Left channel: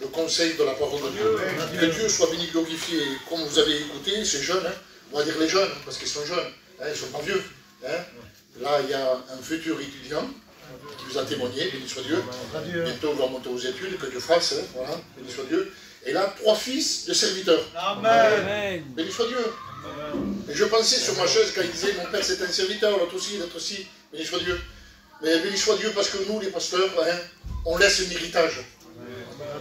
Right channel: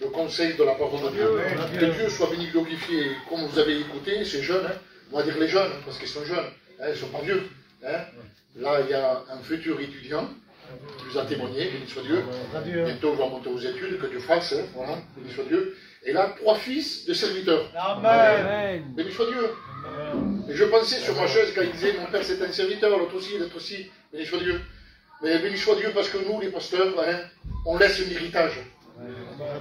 le conseil de la parole de Dieu. Que Dieu soit béni, glorifié. Comme vous avez écouté, ces jeunes, hein, on va dire les jeunes, parce qu'ils sont jeunes, hein, ils ne sont pas vieux. Hein. Là, il y a un futur étudiant qui vous a témoigné, béni soit Dieu. Bientôt, il va monter aux études, que Dieu fasse, hein, voilà, béni soit Dieu. Et là, 3 fils de serviteurs. Amen. Béni soit Dieu. Et je pensais sur ma chaise quand il disait, mon père c'est un serviteur, l'autre aussi, l'autre aussi, béni soit Dieu. Mais béni soit Dieu parce que nous, les pasteurs, hein, on laisse un héritage.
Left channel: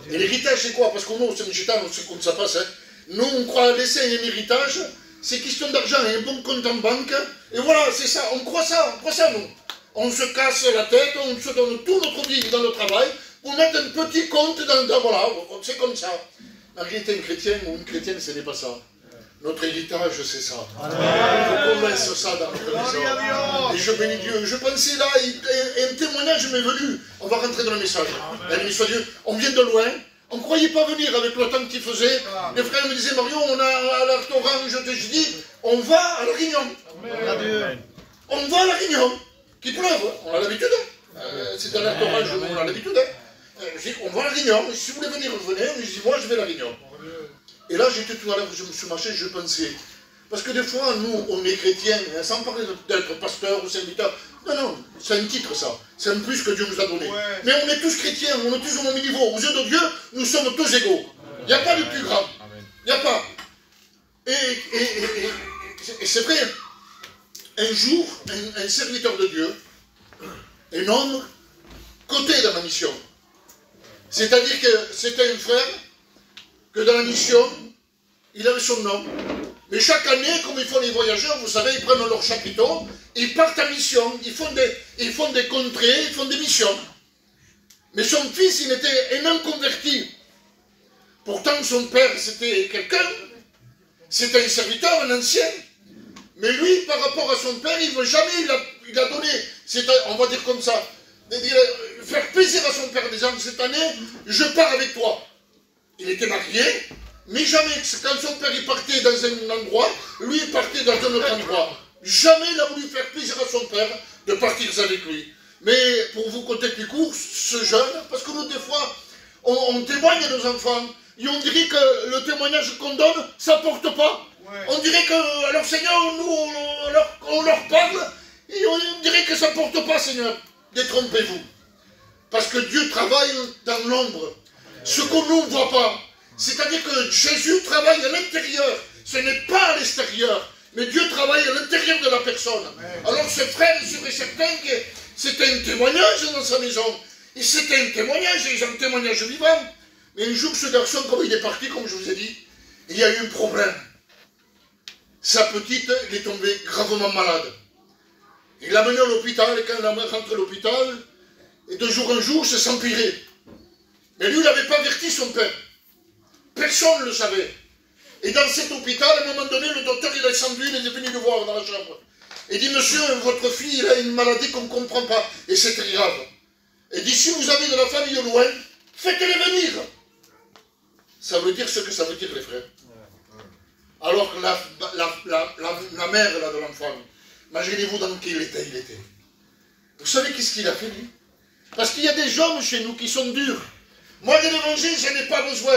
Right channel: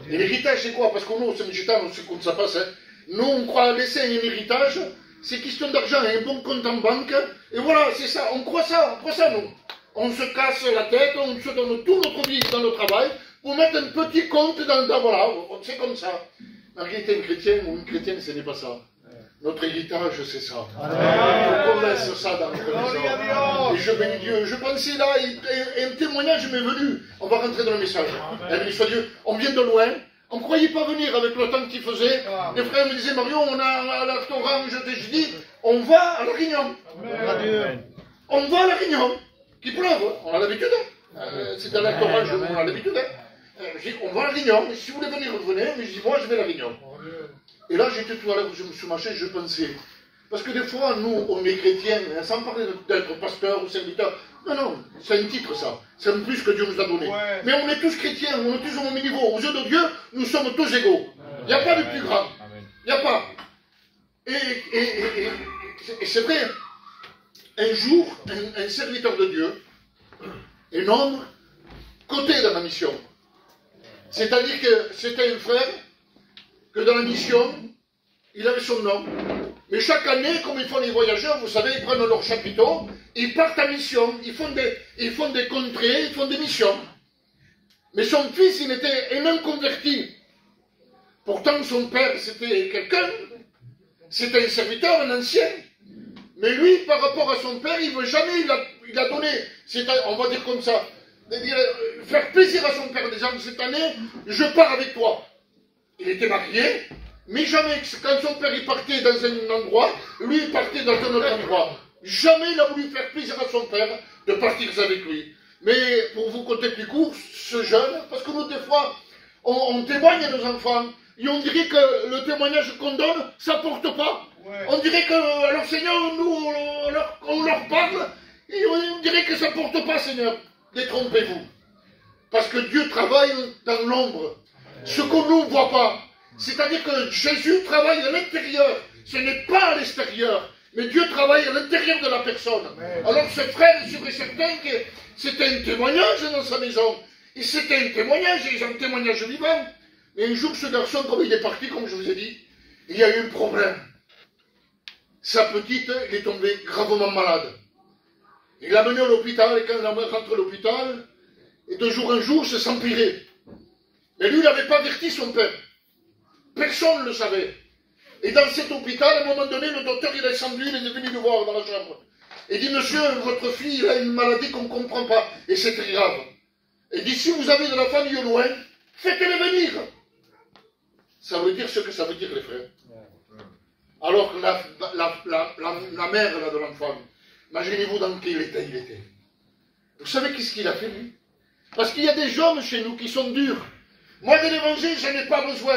Et l'héritage, c'est quoi? Parce que nous, c'est Gitane, on sait comment ça passe. Hein. Nous, on croit laisser un héritage, c'est question d'argent, un bon compte en banque, et voilà, c'est ça, on croit ça, nous. On se casse la tête, on se donne tout notre vie dans le travail, pour mettre un petit compte dans voilà, c'est comme ça. En réalité, un chrétien ou une chrétienne, ce n'est pas ça. Notre héritage, c'est ça. On laisse ça dans notre maison. Et je bénis Dieu. Je pensais là, et un témoignage m'est venu. On va rentrer dans le message. Béni soit Dieu. On vient de loin. On ne croyait pas venir avec le temps qu'il faisait. Les frères me disaient, Mario, on a à la restaurant, je dis, on va à la Réunion. On va à la Réunion. Qui pleuve, on a l'habitude. C'est un restaurant, on a l'habitude. Je dis, on va à la Réunion. Si vous voulez venir, venez. Mais je dis, moi, je vais à la Réunion. Et là, j'étais tout à l'heure, je me suis marché, je pensais. Parce que des fois, nous, on est chrétiens, sans parler d'être pasteur ou serviteur. Non, non, c'est un titre, ça. C'est un plus que Dieu nous a donné. Ouais. Mais on est tous chrétiens, on est tous au même niveau. Aux yeux de Dieu, nous sommes tous égaux. Il n'y a pas de plus grand. Il n'y a pas. Et c'est vrai. Un jour, un serviteur de Dieu, un homme, côté de ma mission. C'est-à-dire que c'était un frère que dans la mission, il avait son nom. Mais chaque année, comme ils font les voyageurs, vous savez, ils prennent leur chapiteau, ils partent en mission, ils font des contrées, ils font des missions. Mais son fils, il était un inconverti. Pourtant, son père, c'était quelqu'un, c'était un serviteur, un ancien. Mais lui, par rapport à son père, il ne veut jamais, il a donné, on va dire comme ça, faire plaisir à son père, disant, cette année, je pars avec toi. Il était marié, mais jamais, quand son père il partait dans un endroit, lui il partait dans un autre endroit. Jamais il a voulu faire plaisir à son père de partir avec lui. Mais pour vous compter plus court, ce jeune, parce que nous des fois, on témoigne à nos enfants, et on dirait que le témoignage qu'on donne, ça ne porte pas. Ouais. On dirait que, alors Seigneur, nous, on leur parle, et on dirait que ça ne porte pas, Seigneur. Détrompez-vous. Parce que Dieu travaille dans l'ombre. Ce qu'on ne voit pas. C'est-à-dire que Jésus travaille à l'intérieur. Ce n'est pas à l'extérieur. Mais Dieu travaille à l'intérieur de la personne. Alors ce frère est sûr et certain que c'était un témoignage dans sa maison. Et c'était un témoignage, et un témoignage vivant. Mais un jour, ce garçon, comme il est parti, comme je vous ai dit, il y a eu un problème. Sa petite, il est tombé gravement malade. Il l'a mené à l'hôpital, et quand il est rentré à l'hôpital, et de jour en jour, ça s'empirait. Mais lui, il n'avait pas averti son père. Personne ne le savait. Et dans cet hôpital, à un moment donné, le docteur, il est descendu, il est venu le voir dans la chambre. Il dit, monsieur, votre fille, il a une maladie qu'on ne comprend pas. Et c'est très grave. Et dit, si vous avez de la famille au loin, faites-les venir. Ça veut dire ce que ça veut dire, les frères. Alors que la mère là, de l'enfant, imaginez-vous dans quel état il était. Vous savez qu'est-ce qu'il a fait, lui? Parce qu'il y a des hommes chez nous qui sont durs. Moi, de l'évangile, je n'ai pas besoin.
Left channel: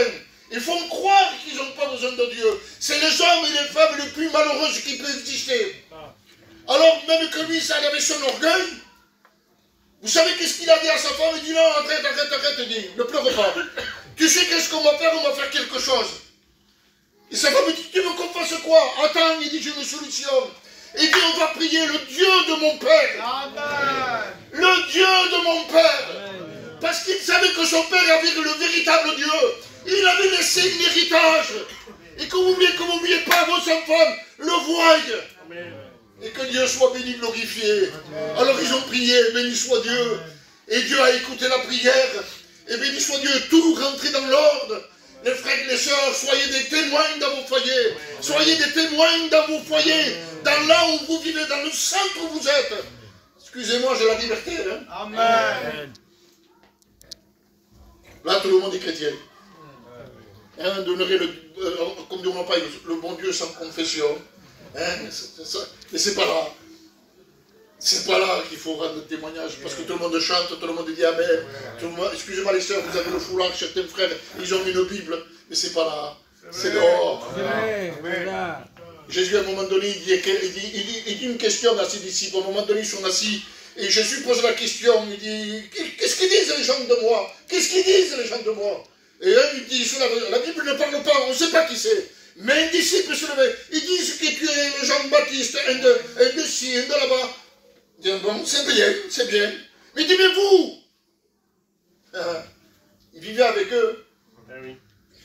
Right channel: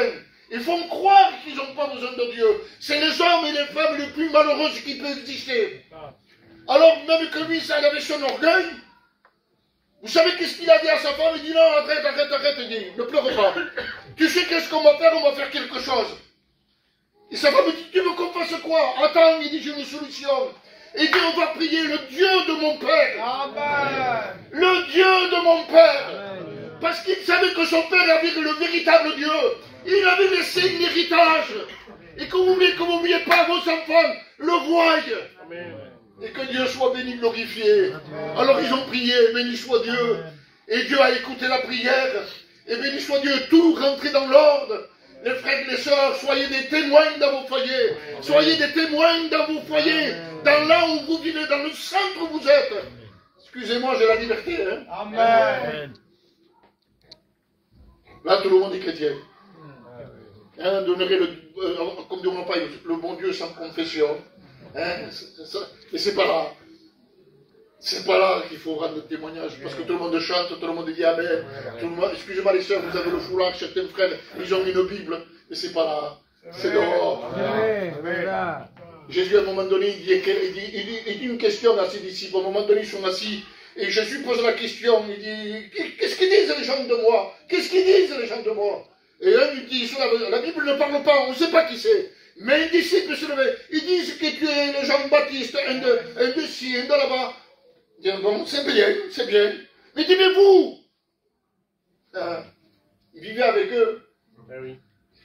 Ils font croire qu'ils n'ont pas besoin de Dieu. C'est les hommes et les femmes les plus malheureuses qui peuvent exister. Alors, même que lui, ça, il avait son orgueil. Vous savez qu'est-ce qu'il a dit à sa femme? Il dit, non, arrête, il dit, ne pleure pas. Tu sais qu'est-ce qu'on va faire? On va faire quelque chose. Et sa femme dit, tu veux qu'on fasse quoi? Attends, il dit, j'ai une solution. Il dit, on va prier le Dieu de mon Père. Amen. Le Dieu de mon Père. Amen. Parce qu'il savait que son Père avait le véritable Dieu. Il avait laissé un héritage. Et que vous n'oubliez pas, vos enfants le voient. Amen. Et que Dieu soit béni, glorifié. Amen. Alors ils ont prié, béni soit Dieu. Amen. Et Dieu a écouté la prière. Et béni soit Dieu, tout rentré dans l'ordre. Les frères et les sœurs, soyez des témoins dans vos foyers. Amen. Soyez des témoins dans vos foyers. Amen. Dans là où vous vivez, dans le centre où vous êtes. Excusez-moi, j'ai la liberté. Hein? Amen. Là, tout le monde est chrétien. Hein, comme dit mon père, le bon Dieu sans confession. Hein, et c'est pas là. C'est pas là qu'il faut rendre témoignage, parce que tout le monde chante, tout le monde dit Amen. Excusez-moi les sœurs, vous avez le foulard, certains frères, ils ont une Bible, mais c'est pas là. C'est dehors. Jésus, à un moment donné, il dit une question à ses disciples. À un moment donné, ils sont assis. Et Jésus pose la question. Il dit, qu'est-ce qu'ils disent les gens de moi? Qu'est-ce qu'ils disent les gens de moi? Et un, il dit, la Bible ne parle pas, on ne sait pas qui c'est. Mais un disciple se levait. Ils disent que tu es le Jean-Baptiste, un de ci, un de là-bas. Il dit, bon, c'est bien, c'est bien. Mais dis, mais vous, il vivait avec eux.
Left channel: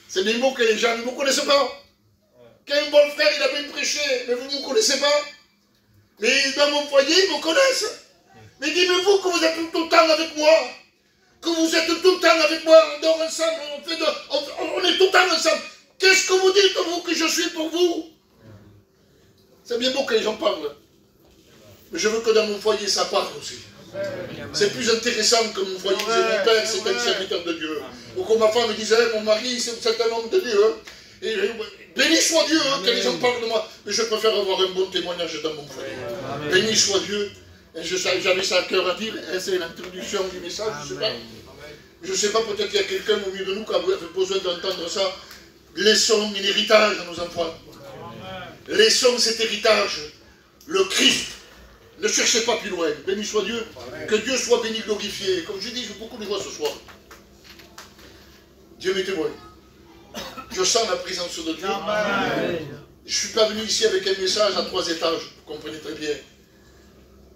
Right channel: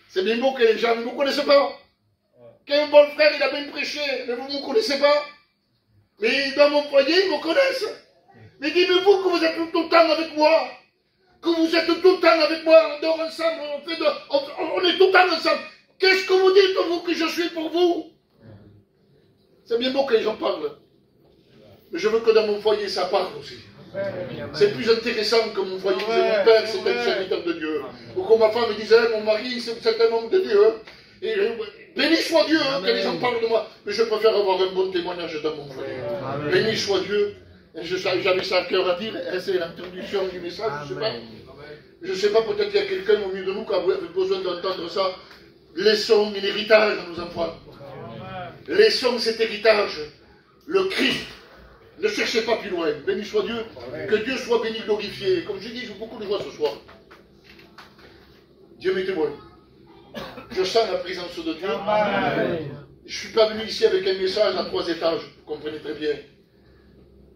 C'est bien beau que les gens ne vous connaissent pas. Qu'un bon frère, il a bien prêché, mais vous ne me connaissez pas. Mais dans mon foyer, ils me connaissent. Mais dis-moi que vous êtes tout le temps avec moi. Que vous êtes tout le temps avec moi. On dort ensemble, on est tout le temps ensemble. Qu'est-ce que vous dites, vous, que je suis pour vous? C'est bien beau que les gens parlent. Mais je veux que dans mon foyer, ça parle aussi. C'est plus intéressant que mon foyer disait, mon père, c'est un serviteur de Dieu. Ou comme ma femme me disait, mon mari, c'est un homme de Dieu. Et, béni soit Dieu, que les gens parlent de moi. Mais je préfère avoir un bon témoignage dans mon foyer. Béni soit Dieu. J'avais ça à cœur à dire. C'est l'introduction du message, je ne sais pas. Je ne sais pas, peut-être qu'il y a quelqu'un au milieu de nous qui a besoin d'entendre ça. Laissons un héritage à nos enfants. Laissons cet héritage. Le Christ. Ne cherchez pas plus loin. Béni soit Dieu. Que Dieu soit béni, glorifié. Comme je dis, j'ai beaucoup de joie ce soir. Dieu m'est témoin. Je sens la présence de Dieu. Je ne suis pas venu ici avec un message à 3 étages. Vous comprenez très bien.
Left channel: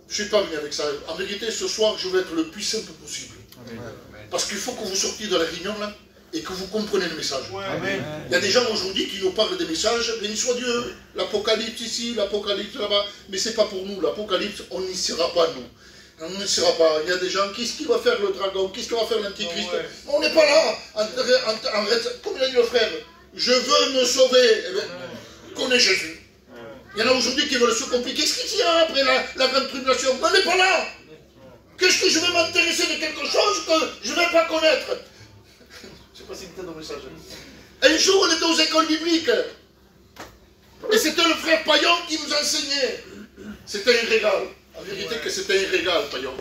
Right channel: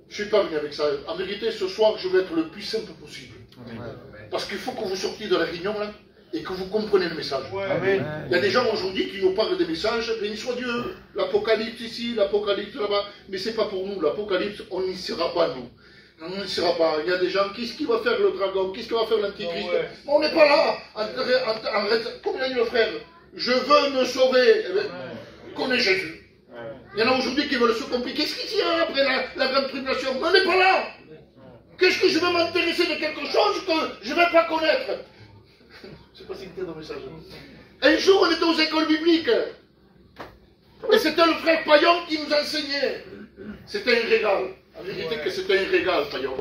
Je ne suis pas venu avec ça. En vérité, ce soir, je veux être le plus simple possible. Parce qu'il faut que vous sortiez de la réunion là et que vous compreniez le message. Il y a des gens aujourd'hui qui nous parlent des messages. Béni soit Dieu. L'Apocalypse ici, l'Apocalypse là-bas. Mais ce n'est pas pour nous. L'Apocalypse, on n'y sera pas, nous. On ne sera pas. Il y a des gens, qu'est-ce qu'il va faire le dragon? Qu'est-ce qu'il va faire l'antichrist? On n'est pas là. Comme il a dit le frère, je veux me sauver. Eh bien, connais Jésus. Il y en a aujourd'hui qui veulent se compliquer. Qu'est-ce qu'il y a après la grande tribulation? On n'est pas là. Qu'est-ce que je vais m'intéresser de quelque chose que je ne vais pas connaître? Je ne sais pas si c'était dans le message. Un jour, on était aux écoles bibliques. Et c'était le frère Payon qui nous enseignait. C'était un régal. En vérité que c'était un régal, Payon.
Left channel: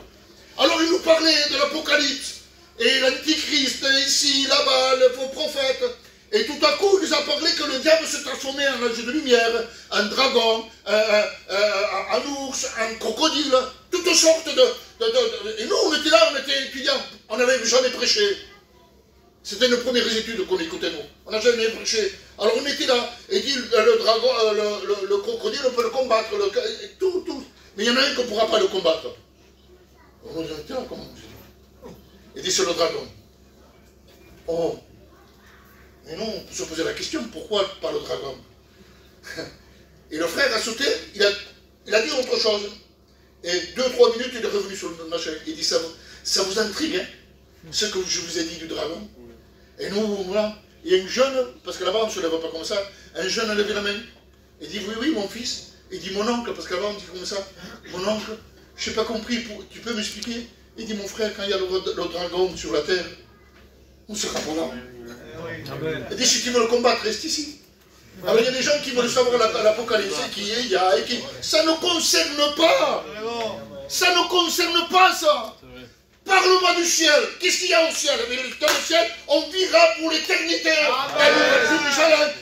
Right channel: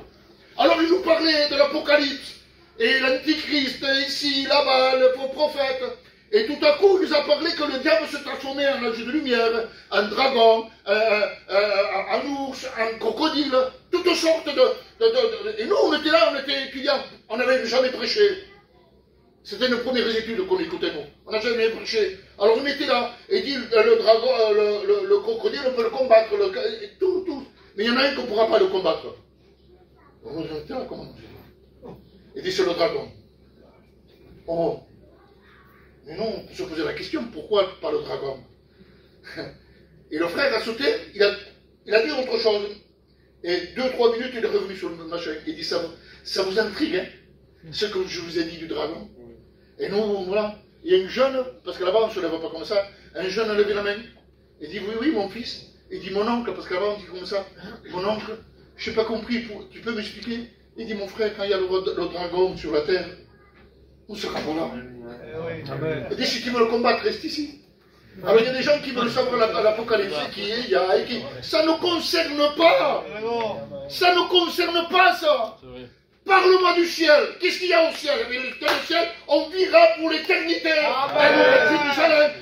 Alors il nous parlait de l'Apocalypse, et l'Antichrist, ici, là-bas, le faux prophète. Et tout à coup, il nous a parlé que le diable se transformait en ange de lumière, en dragon, en ours, en crocodile, toutes sortes de... Et nous, on était là, on était étudiants, on n'avait jamais prêché. C'était nos premières études qu'on écoutait, nous. On n'a jamais prêché. Alors on était là, et dit, le dragon, le crocodile, on peut le combattre, tout. Mais il y en a un qu'on ne pourra pas le combattre. On dit, comment on dit? Il dit, c'est le dragon. Oh. Mais non, on peut se poser la question, pourquoi pas le dragon? Et le frère a sauté, il a dit autre chose. Et 2-3 minutes, il est revenu sur le machin. Il dit, ça vous intrigue, hein, ce que je vous ai dit du dragon? Et nous, voilà, il y a une jeune, parce que là-bas on ne se lève pas comme ça, un jeune a levé la main. Il dit, oui, mon fils. Il dit, mon oncle, parce qu'avant on dit comme ça, mon oncle, je n'ai pas compris, tu peux m'expliquer? Il dit, mon frère, quand il y a le dragon sur la terre, on sera pas là. Il dit, si tu veux le combattre, reste ici. Alors il y a des gens qui veulent savoir l'Apocalypse, qui est, il y a, et qui... Ça ne concerne pas. Ça ne concerne pas ça. Parle-moi du ciel. Qu'est-ce qu'il y a au ciel? Mais dans le ciel, on vivra pour l'éternité.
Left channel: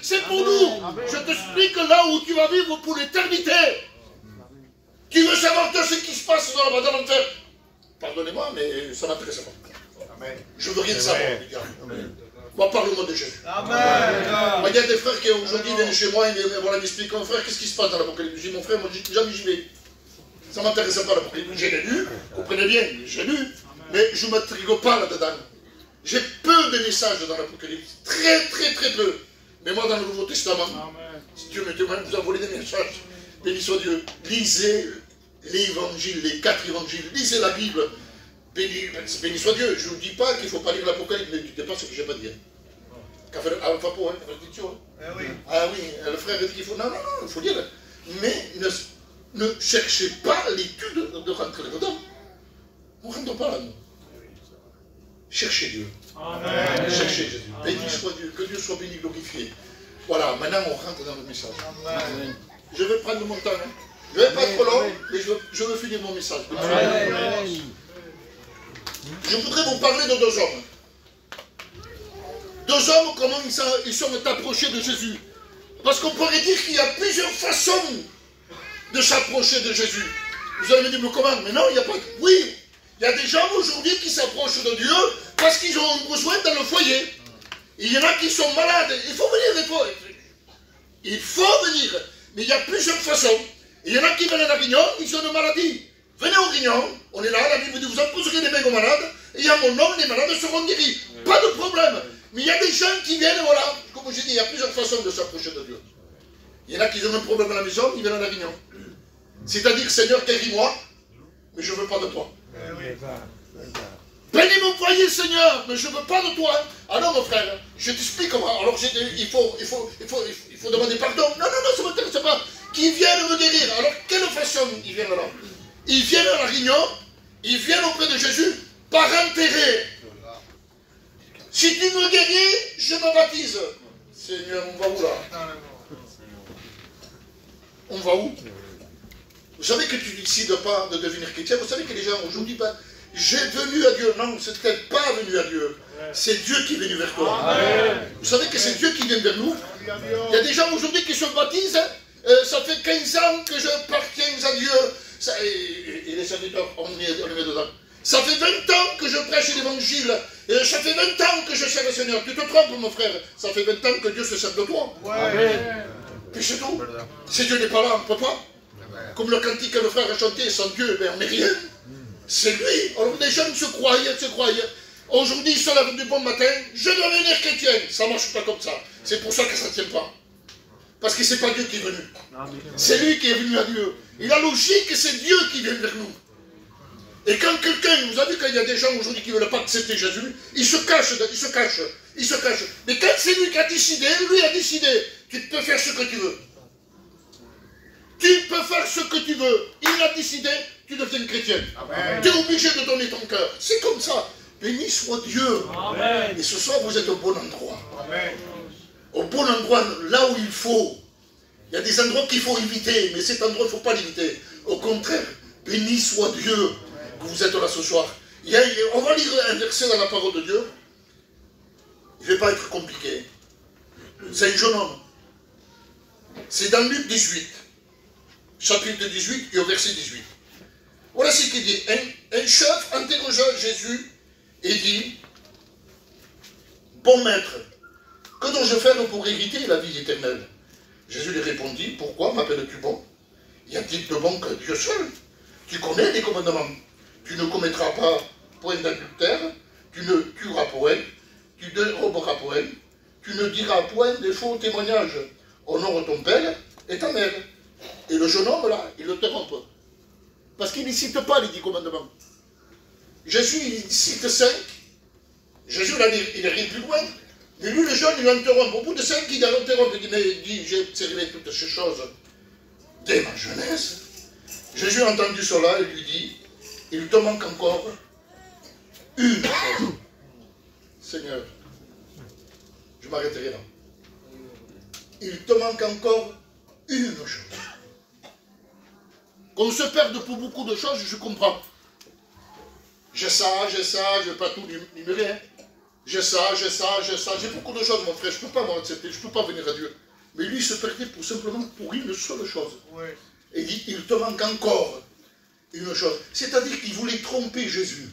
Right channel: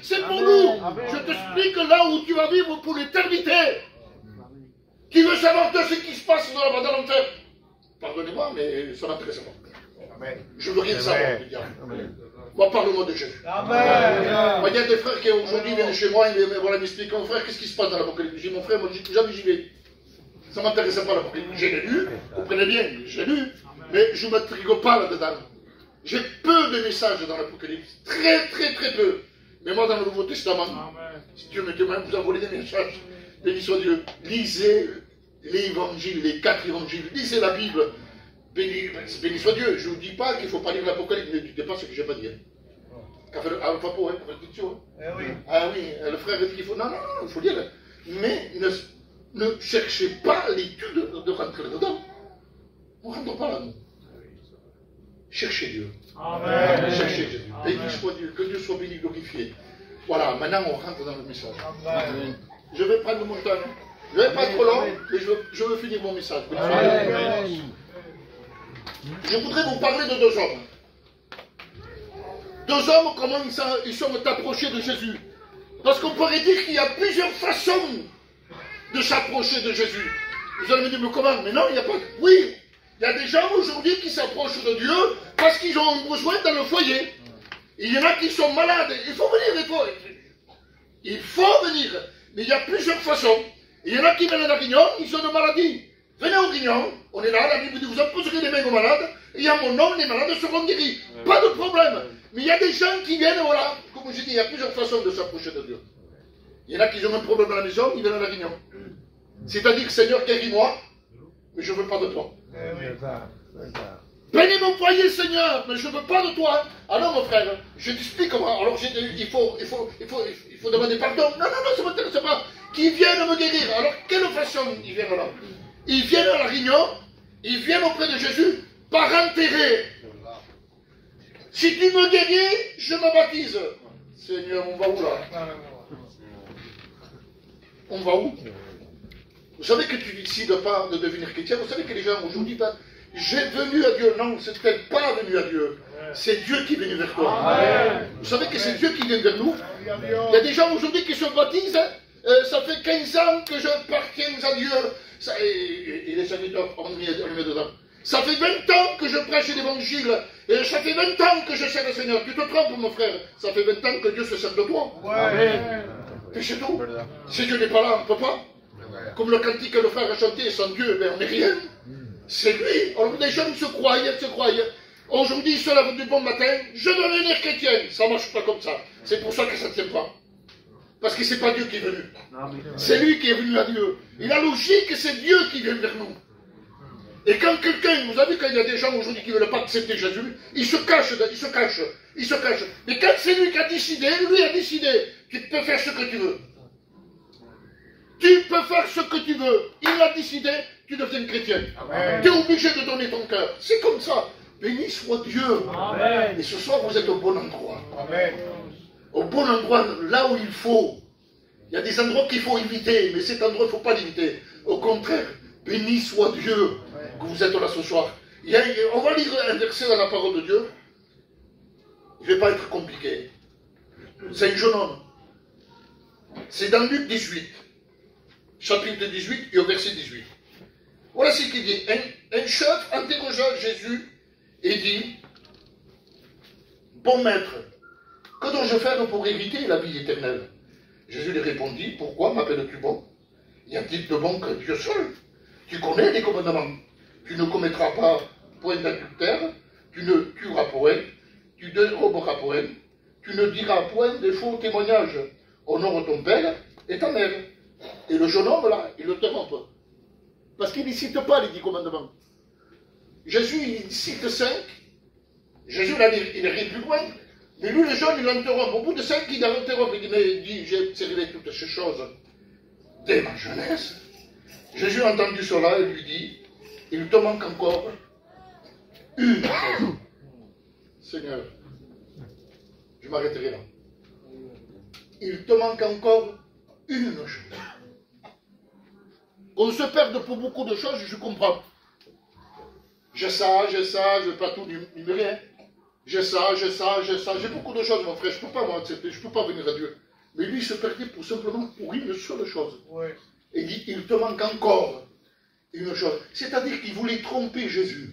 C'est pour nous. Je t'explique là où tu vas vivre pour l'éternité. Tu veux savoir ce qui se passe dans l'enfer? Pardonnez-moi, mais ça ne m'intéresse pas. Je veux rien savoir, les gars. Moi, parle-moi de Jésus. Il y a des frères qui aujourd'hui viennent chez moi et voilà, m'expliquent, mon frère, qu'est-ce qui se passe dans l'Apocalypse? Je dis, mon frère, moi, jamais j'y vais. Ça ne m'intéresse pas l'Apocalypse. J'ai lu, comprenez bien, j'ai lu, mais je ne m'intrigue pas là-dedans. J'ai peu de messages dans l'Apocalypse. Très peu. Mais moi, dans le Nouveau Testament, si Dieu me témoigne, vous envoyez des messages. Béni soit Dieu. Lisez l'évangile, les 4 évangiles. Lisez la Bible. Béni soit Dieu. Je ne dis pas qu'il ne faut pas lire l'Apocalypse, mais ne dites pas ce que je n'ai pas dit. Ah oui, le frère dit qu'il faut... Non, il faut lire. Mais ne cherchez pas l'étude de rentrer dedans. On ne rentre pas là, nous. Cherchez Dieu. Amen. Cherchez Jésus. Béni soit Dieu. Que Dieu soit béni, glorifié. Voilà, maintenant on rentre dans le message. Amen. Je vais prendre mon temps. Hein. Je ne vais pas être long, mais je veux finir mon message. Je voudrais vous parler de deux hommes. Deux hommes, comment ils sont approchés de Jésus. Parce qu'on pourrait dire qu'il y a plusieurs façons de s'approcher de Jésus. Vous allez me dire, mais comment? Mais non, il n'y a pas... Oui, il y a des gens aujourd'hui qui s'approchent de Dieu parce qu'ils ont besoin dans le foyer. Il y en a qui sont malades. Il faut venir. Il faut venir. Mais il y a plusieurs façons. Il y en a qui viennent à la Réunion, ils ont une maladie. Venez au Réunion, on est là, la Bible dit, vous imposerez des mains aux malades, et à mon nom, les malades seront guéris. Pas de problème. Mais il y a des gens qui viennent, voilà, comme je dis, il y a plusieurs façons de s'approcher de Dieu. Il y en a qui ont un problème à la maison, ils viennent à la Réunion. C'est-à-dire, Seigneur, guéris-moi, mais je ne veux pas de toi. Bénis mon foyer, Seigneur, mais je ne veux pas de toi. Ah non, mon frère, je t'explique comment. Alors, il faut demander pardon. Non, ça ne m'intéresse pas. Qui viennent me guérir. Alors, quelle façon ils viennent là? Ils viennent à la Réunion, ils viennent auprès de Jésus par intérêt. Si tu me guéris, je me baptise. Seigneur, on va où là? On va où? Vous savez que tu décides pas de devenir chrétien. Vous savez que les gens aujourd'hui, ben, j'ai venu à Dieu. Non, c'est peut-être pas venu à Dieu. C'est Dieu qui est venu vers toi. Amen. Vous savez que c'est Dieu qui vient vers nous. Il y a des gens aujourd'hui qui se baptisent. Ça fait 15 ans que je appartiens à Dieu. Ça, et les serviteurs, on met dedans. Ça fait 20 ans que je prêche l'évangile. Et ça fait 20 ans que je sers le Seigneur. Tu te trompes, mon frère. Ça fait 20 ans que Dieu se sert de toi. Amen. Et c'est tout. Si Dieu n'est pas là, on ne peut pas. Comme le cantique que le frère a chanté, sans Dieu, ben on n'est rien. C'est lui. Alors les gens se croyaient. Aujourd'hui, ils se lèvent du bon matin. Je veux devenir chrétien. Ça ne marche pas comme ça. C'est pour ça que ça ne tient pas. Parce que ce n'est pas Dieu qui est venu. C'est lui qui est venu à Dieu. Et la logique, c'est Dieu qui vient vers nous. Et quand quelqu'un, vous avez vu qu'il y a des gens aujourd'hui qui ne veulent pas accepter Jésus, ils se cachent. Mais quand c'est lui qui a décidé, tu peux faire ce que tu veux. Tu peux faire ce que tu veux. Il a décidé, tu deviens chrétien. Tu es obligé de donner ton cœur. C'est comme ça. Béni soit Dieu. Amen. Et ce soir, vous êtes au bon endroit. Amen. Au bon endroit, là où il faut. Il y a des endroits qu'il faut éviter, mais cet endroit, il ne faut pas l'éviter. Au contraire, béni soit Dieu que vous êtes là ce soir. On va lire un verset dans la parole de Dieu. Il ne va pas être compliqué. C'est un jeune homme. C'est dans Luc 18. Chapitre 18 et au verset 18. Voilà ce qu'il dit. Un chef interrogea Jésus et dit, bon maître, que dois-je faire pour hériter la vie éternelle? Jésus lui répondit, pourquoi m'appelles-tu bon? Y a-t-il de bon que Dieu seul? Tu connais les commandements. Tu ne commettras pas point d'adultère, tu ne tueras point, tu ne déroberas point, tu ne diras point de faux témoignages. Honore ton père et ta mère. Et le jeune homme là, il le interrompt. Parce qu'il ne cite pas les 10 commandements. Jésus, il cite 5. Jésus, là, il est rien plus loin. Mais lui, le jeune, il l'interrompt. Au bout de 5, il l'interrompt. Il dit, mais j'ai observé toutes ces choses dès ma jeunesse. Jésus a entendu cela et lui dit, il te manque encore une chose. Seigneur, je m'arrêterai là. Il te manque encore une chose. Qu'on se perde pour beaucoup de choses, je comprends. J'ai ça, je ne vais pas tout numérer. Hein. J'ai ça, j'ai beaucoup de choses, mon frère, je ne peux pas m'accepter, je ne peux pas venir à Dieu. Mais lui, il se perdait simplement pour une seule chose. Ouais. Et il dit, il te manque encore une chose. C'est-à-dire qu'il voulait tromper Jésus.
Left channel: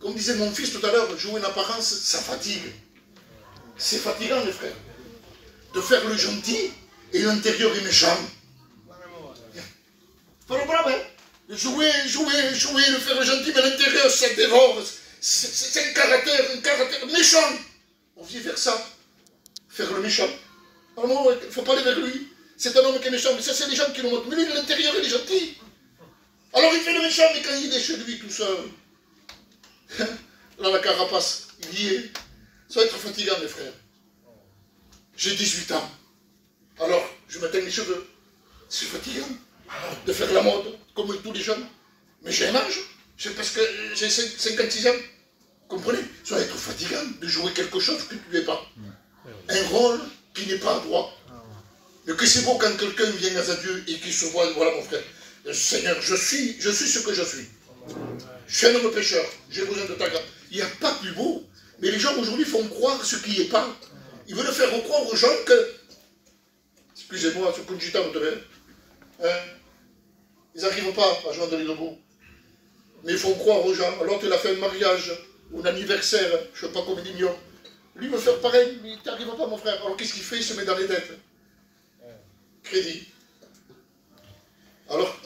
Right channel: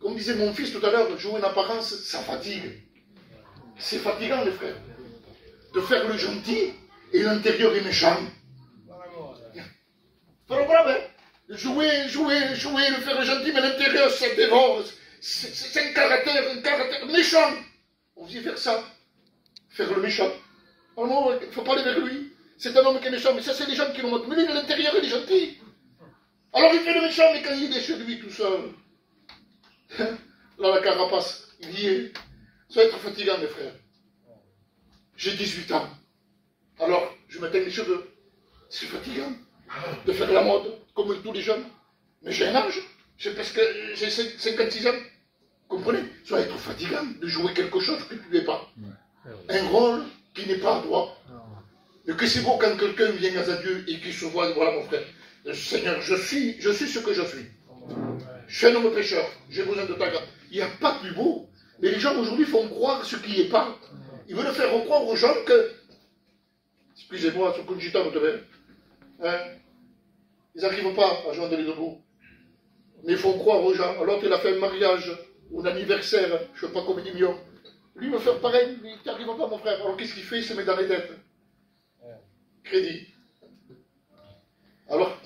Comme disait mon fils tout à l'heure, jouer une apparence, ça fatigue. C'est fatigant, les frères. De faire le gentil et l'intérieur est méchant. Pas le problème, hein? Jouer, le faire le gentil, mais l'intérieur, ça dévore. C'est un caractère méchant. On vit vers ça. Faire le méchant. Alors, il ne faut pas aller vers lui. C'est un homme qui est méchant, mais ça, c'est les gens qui l'ont montré. Mais lui, l'intérieur, il est gentil. Alors, il fait le méchant, mais quand il est chez lui tout seul, là, la carapace, il y est. Ça va être fatigant, mes frères. J'ai 18 ans. Alors, je m'éteins les cheveux. C'est fatigant de faire la mode, comme tous les jeunes. Mais j'ai un âge. C'est parce que j'ai 56 ans. Comprenez? Ça va être fatigant de jouer quelque chose que tu n'es pas. Un rôle qui n'est pas droit. Et que c'est beau quand quelqu'un vient à Dieu et qu'il se voit, voilà mon frère, Seigneur, je suis ce que je suis. Je suis un homme pécheur, j'ai besoin de ta grâce. Il n'y a pas de plus beau. Mais les gens aujourd'hui font croire ce qui n'est pas. Ils veulent faire croire aux gens que, excusez-moi, ce coup de gitan, vous savez, hein, ils n'arrivent pas à joindre les deux bouts. Mais ils font croire aux gens, alors qu'il a fait un mariage ou un anniversaire, je ne sais pas combien de millions. Lui veut faire pareil, mais il n'arrive pas, mon frère. Alors qu'est-ce qu'il fait? Il se met dans les dettes. Crédit. Alors,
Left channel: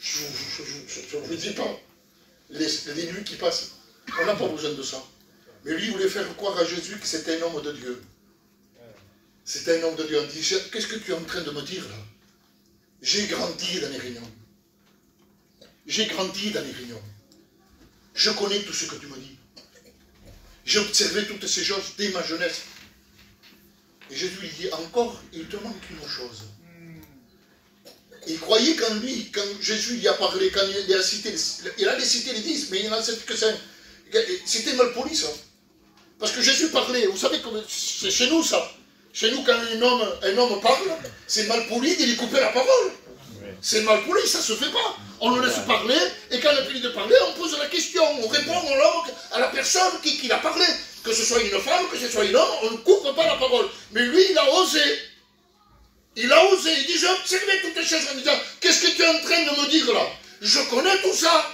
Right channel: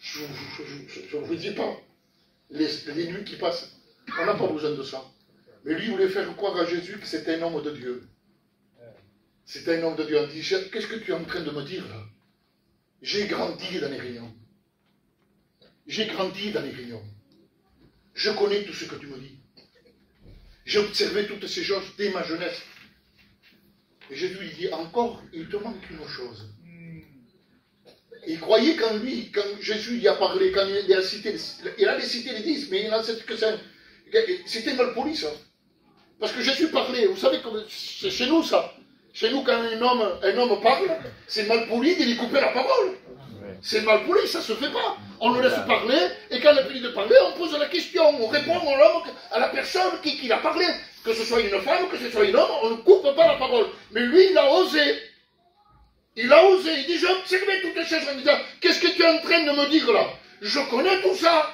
je ne vous dis pas, les nuits qui passent, on n'a pas besoin de ça. Mais lui, il voulait faire croire à Jésus que c'était un homme de Dieu. C'était un homme de Dieu. Il dit, qu'est-ce que tu es en train de me dire là? J'ai grandi dans les réunions. J'ai grandi dans les réunions. Je connais tout ce que tu me dis. J'ai observé toutes ces choses dès ma jeunesse. Et Jésus lui dit, encore, il te manque une chose. Il croyait qu'en lui, quand Jésus y a parlé, quand il a cité les 10, mais il n'en cite que 5. C'était mal poli ça. Parce que Jésus parlait, vous savez, c'est chez nous ça. Chez nous, quand un homme parle, c'est mal poli de lui couper la parole. C'est mal poli, ça ne se fait pas. On le laisse parler, et quand il a fini de parler, on pose la question, on répond à la personne qui l'a parlé. Que ce soit une femme, que ce soit un homme, on ne coupe pas la parole. Mais lui, il a osé. Il a osé. Il dit, j'ai observé toutes les choses en disant, qu'est-ce que tu es en train de me dire là? Je connais tout ça.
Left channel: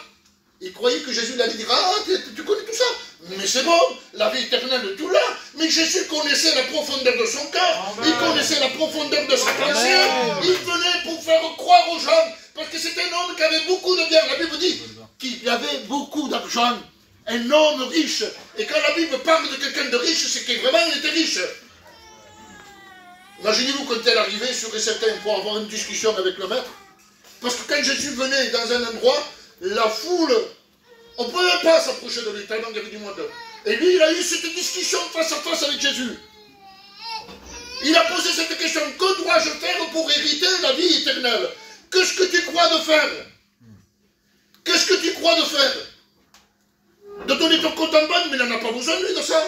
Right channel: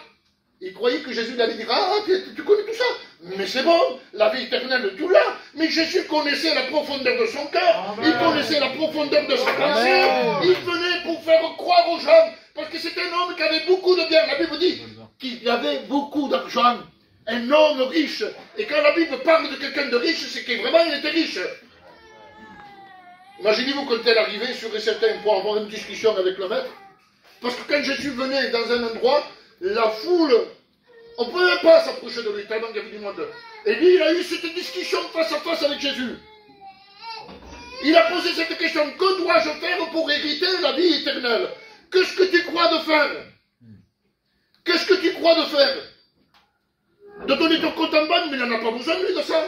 Il croyait que Jésus allait dire, ah, tu connais tout ça. Mais c'est bon, la vie éternelle, tout là. Mais Jésus connaissait la profondeur de son cœur. Il connaissait la profondeur de sa pensée. Il venait pour faire croire aux gens. Parce que c'était un homme qui avait beaucoup de biens. La Bible dit qu'il avait beaucoup d'argent. Un homme riche. Et quand la Bible parle de quelqu'un de riche, c'est que vraiment il était riche. Imaginez-vous quand elle arrivait sur certains pour avoir une discussion avec le maître. Parce que quand Jésus venait dans un endroit, la foule, on ne pouvait pas s'approcher de lui tellement il y avait du monde. Et lui, il a eu cette discussion face à face avec Jésus. Il a posé cette question, que dois-je faire pour hériter la vie éternelle? Qu'est-ce que tu crois de faire? Qu'est-ce que tu crois de faire? De donner ton compte en banque, mais il n'en a pas besoin, lui, de ça.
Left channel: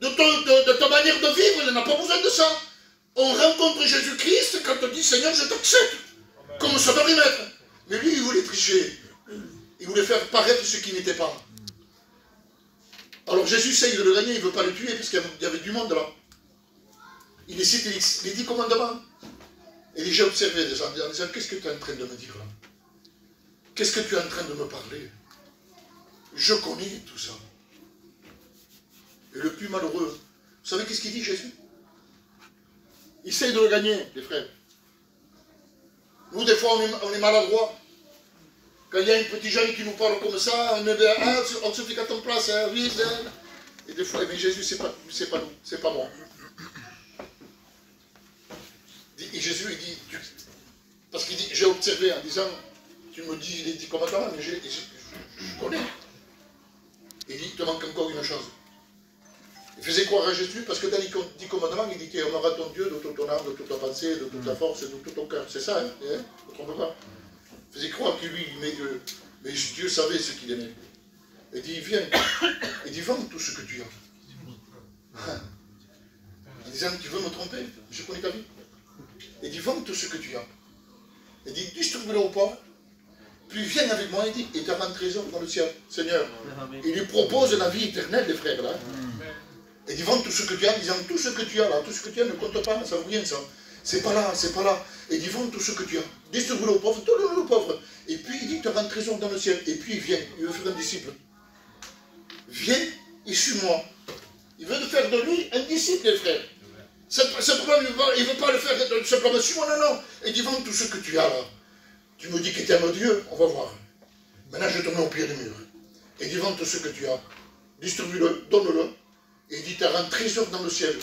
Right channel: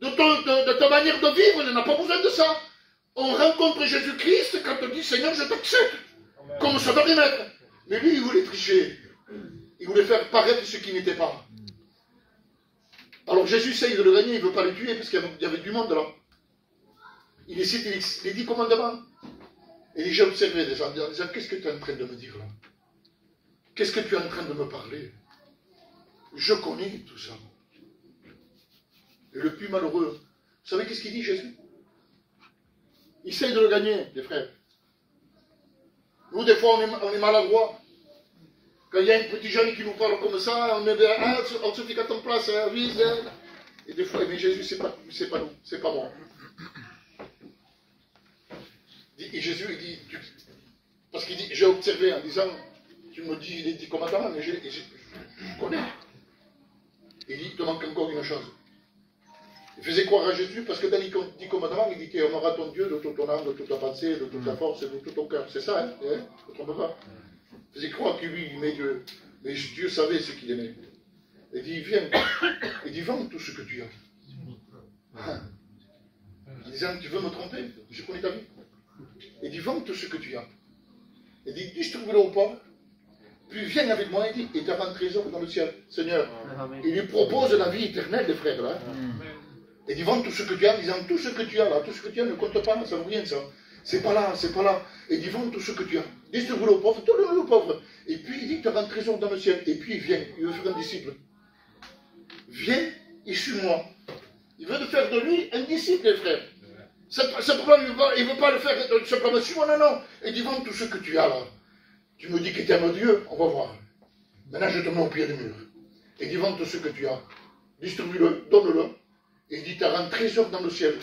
De ta manière de vivre, il n'en a pas besoin de ça. On rencontre Jésus-Christ quand on dit, Seigneur, je t'accepte. Comme sauveur et maître. Mais lui, il voulait tricher. Il voulait faire paraître ce qui n'était pas. Alors Jésus essaye de le gagner, il ne veut pas le tuer, parce qu'il y avait du monde là. Il cite les 10 commandements. Et j'ai observé des gens en disant, qu'est-ce que tu es en train de me dire là? Qu'est-ce que tu es en train de me parler? Je connais tout ça. Et le plus malheureux, vous savez qu'est-ce qu'il dit Jésus? Il essaye de le gagner, les frères. Nous, des fois, on est maladroits. Quand il y a un petit jeune qui nous parle comme ça, on se fait qu'à ton place, hein, oui, et des fois, mais Jésus, c'est pas nous, c'est pas moi. Et Jésus, il dit, parce qu'il dit, j'ai observé en disant, tu me dis les 10 commandements, mais je connais. Il dit, il te manque encore une chose. Il faisait croire à Jésus parce que dans les 10 commandements, il dit, tu aimeras ton Dieu de toute ton âme, de toute ta pensée, de toute ta force, de tout ton cœur. C'est ça, hein, ne te trompe pas. Il faisait croire que lui, il aimait Dieu. Mais Dieu savait ce qu'il aimait. Il dit, viens. Il dit, vends tout ce que tu as. Il disait, tu veux me tromper? Je connais ta vie. Il dit, vends tout ce que tu as. Il dit, distribue-le aux pauvres. Puis viens avec moi, il dit, et tu auras un trésor dans le ciel. Seigneur, il lui propose la vie éternelle, les frères, là. Il dit, vends tout ce que tu as, en disant, tout ce que tu as, là, tout ce que tu as ne compte pas, ça vaut rien, ça. C'est pas là, c'est pas là. Il dit, vends tout ce que tu as. Distribue-le aux pauvres, donne-le aux pauvres. Et puis, il dit, tu auras un trésor dans le ciel. Et puis, il vient, il veut faire un disciple. Viens et suis-moi. Il veut faire de lui un disciple, les frères. Simplement, il ne veut pas le faire simplement suis-moi, non, non. Il dit, vends tout ce que tu as, là. Tu me dis que tu aimes Dieu, on va voir. Maintenant, je te mets au pied du mur. Et dis, vends tout ce que tu as. Distribue-le, donne-le. Et dit, tu as un trésor dans le ciel.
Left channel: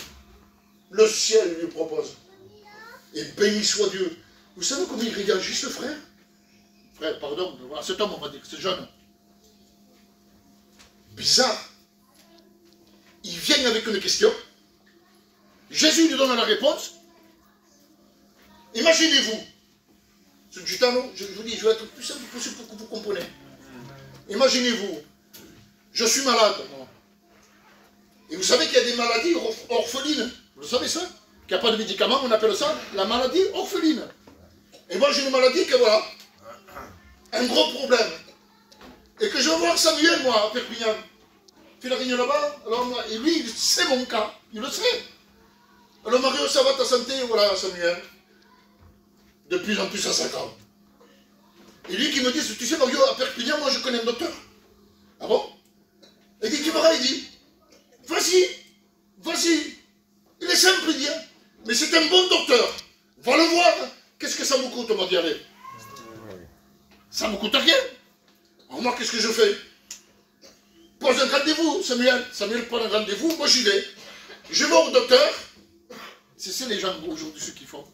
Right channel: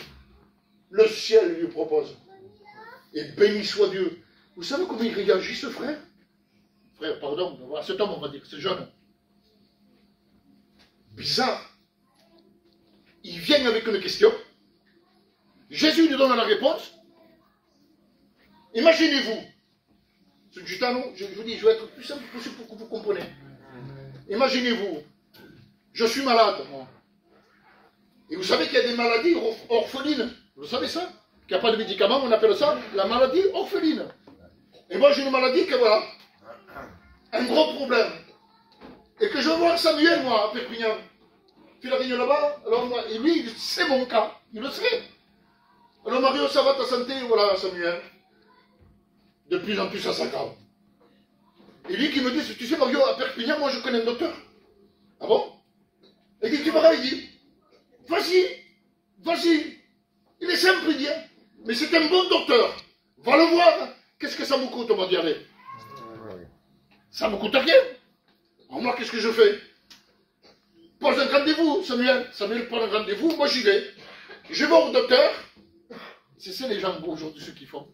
Le ciel lui propose. Et béni soit Dieu. Vous savez comment il réagit, ce frère? Frère, pardon, cet homme, on va dire que c'est jeune. Bizarre. Il vient avec une question. Jésus lui donne la réponse. Imaginez-vous. Ce gitano, je vous dis, je vais être le plus simple possible pour que vous compreniez. Imaginez-vous, je suis malade, moi. Et vous savez qu'il y a des maladies orphelines. Vous savez ça? qui n'a pas de médicaments, on appelle ça la maladie orpheline. Et moi, j'ai une maladie que voilà, un gros problème. Et que je vais voir Samuel, moi, à Perpignan. Puis la réunion là-bas, alors moi, et lui, c'est mon cas, il le sait. Alors Mario, ça va ta santé? Voilà, Samuel. De plus en plus, ça s'aggrave. Et lui qui me dit, tu sais Mario, à Perpignan, moi je connais un docteur. Ah bon? Il dit, tu verras, il dit, vas-y, vas-y. Il est simple, il dit, hein. Mais c'est un bon docteur. Va le voir. Qu'est-ce que ça me coûte, moi, d'y aller? Ça me coûte rien. Alors moi, qu'est-ce que je fais? Pose un rendez-vous, Samuel. Samuel prend un rendez-vous, moi j'y vais. Je vais au docteur. C'est ça les gens aujourd'hui, ceux qui font.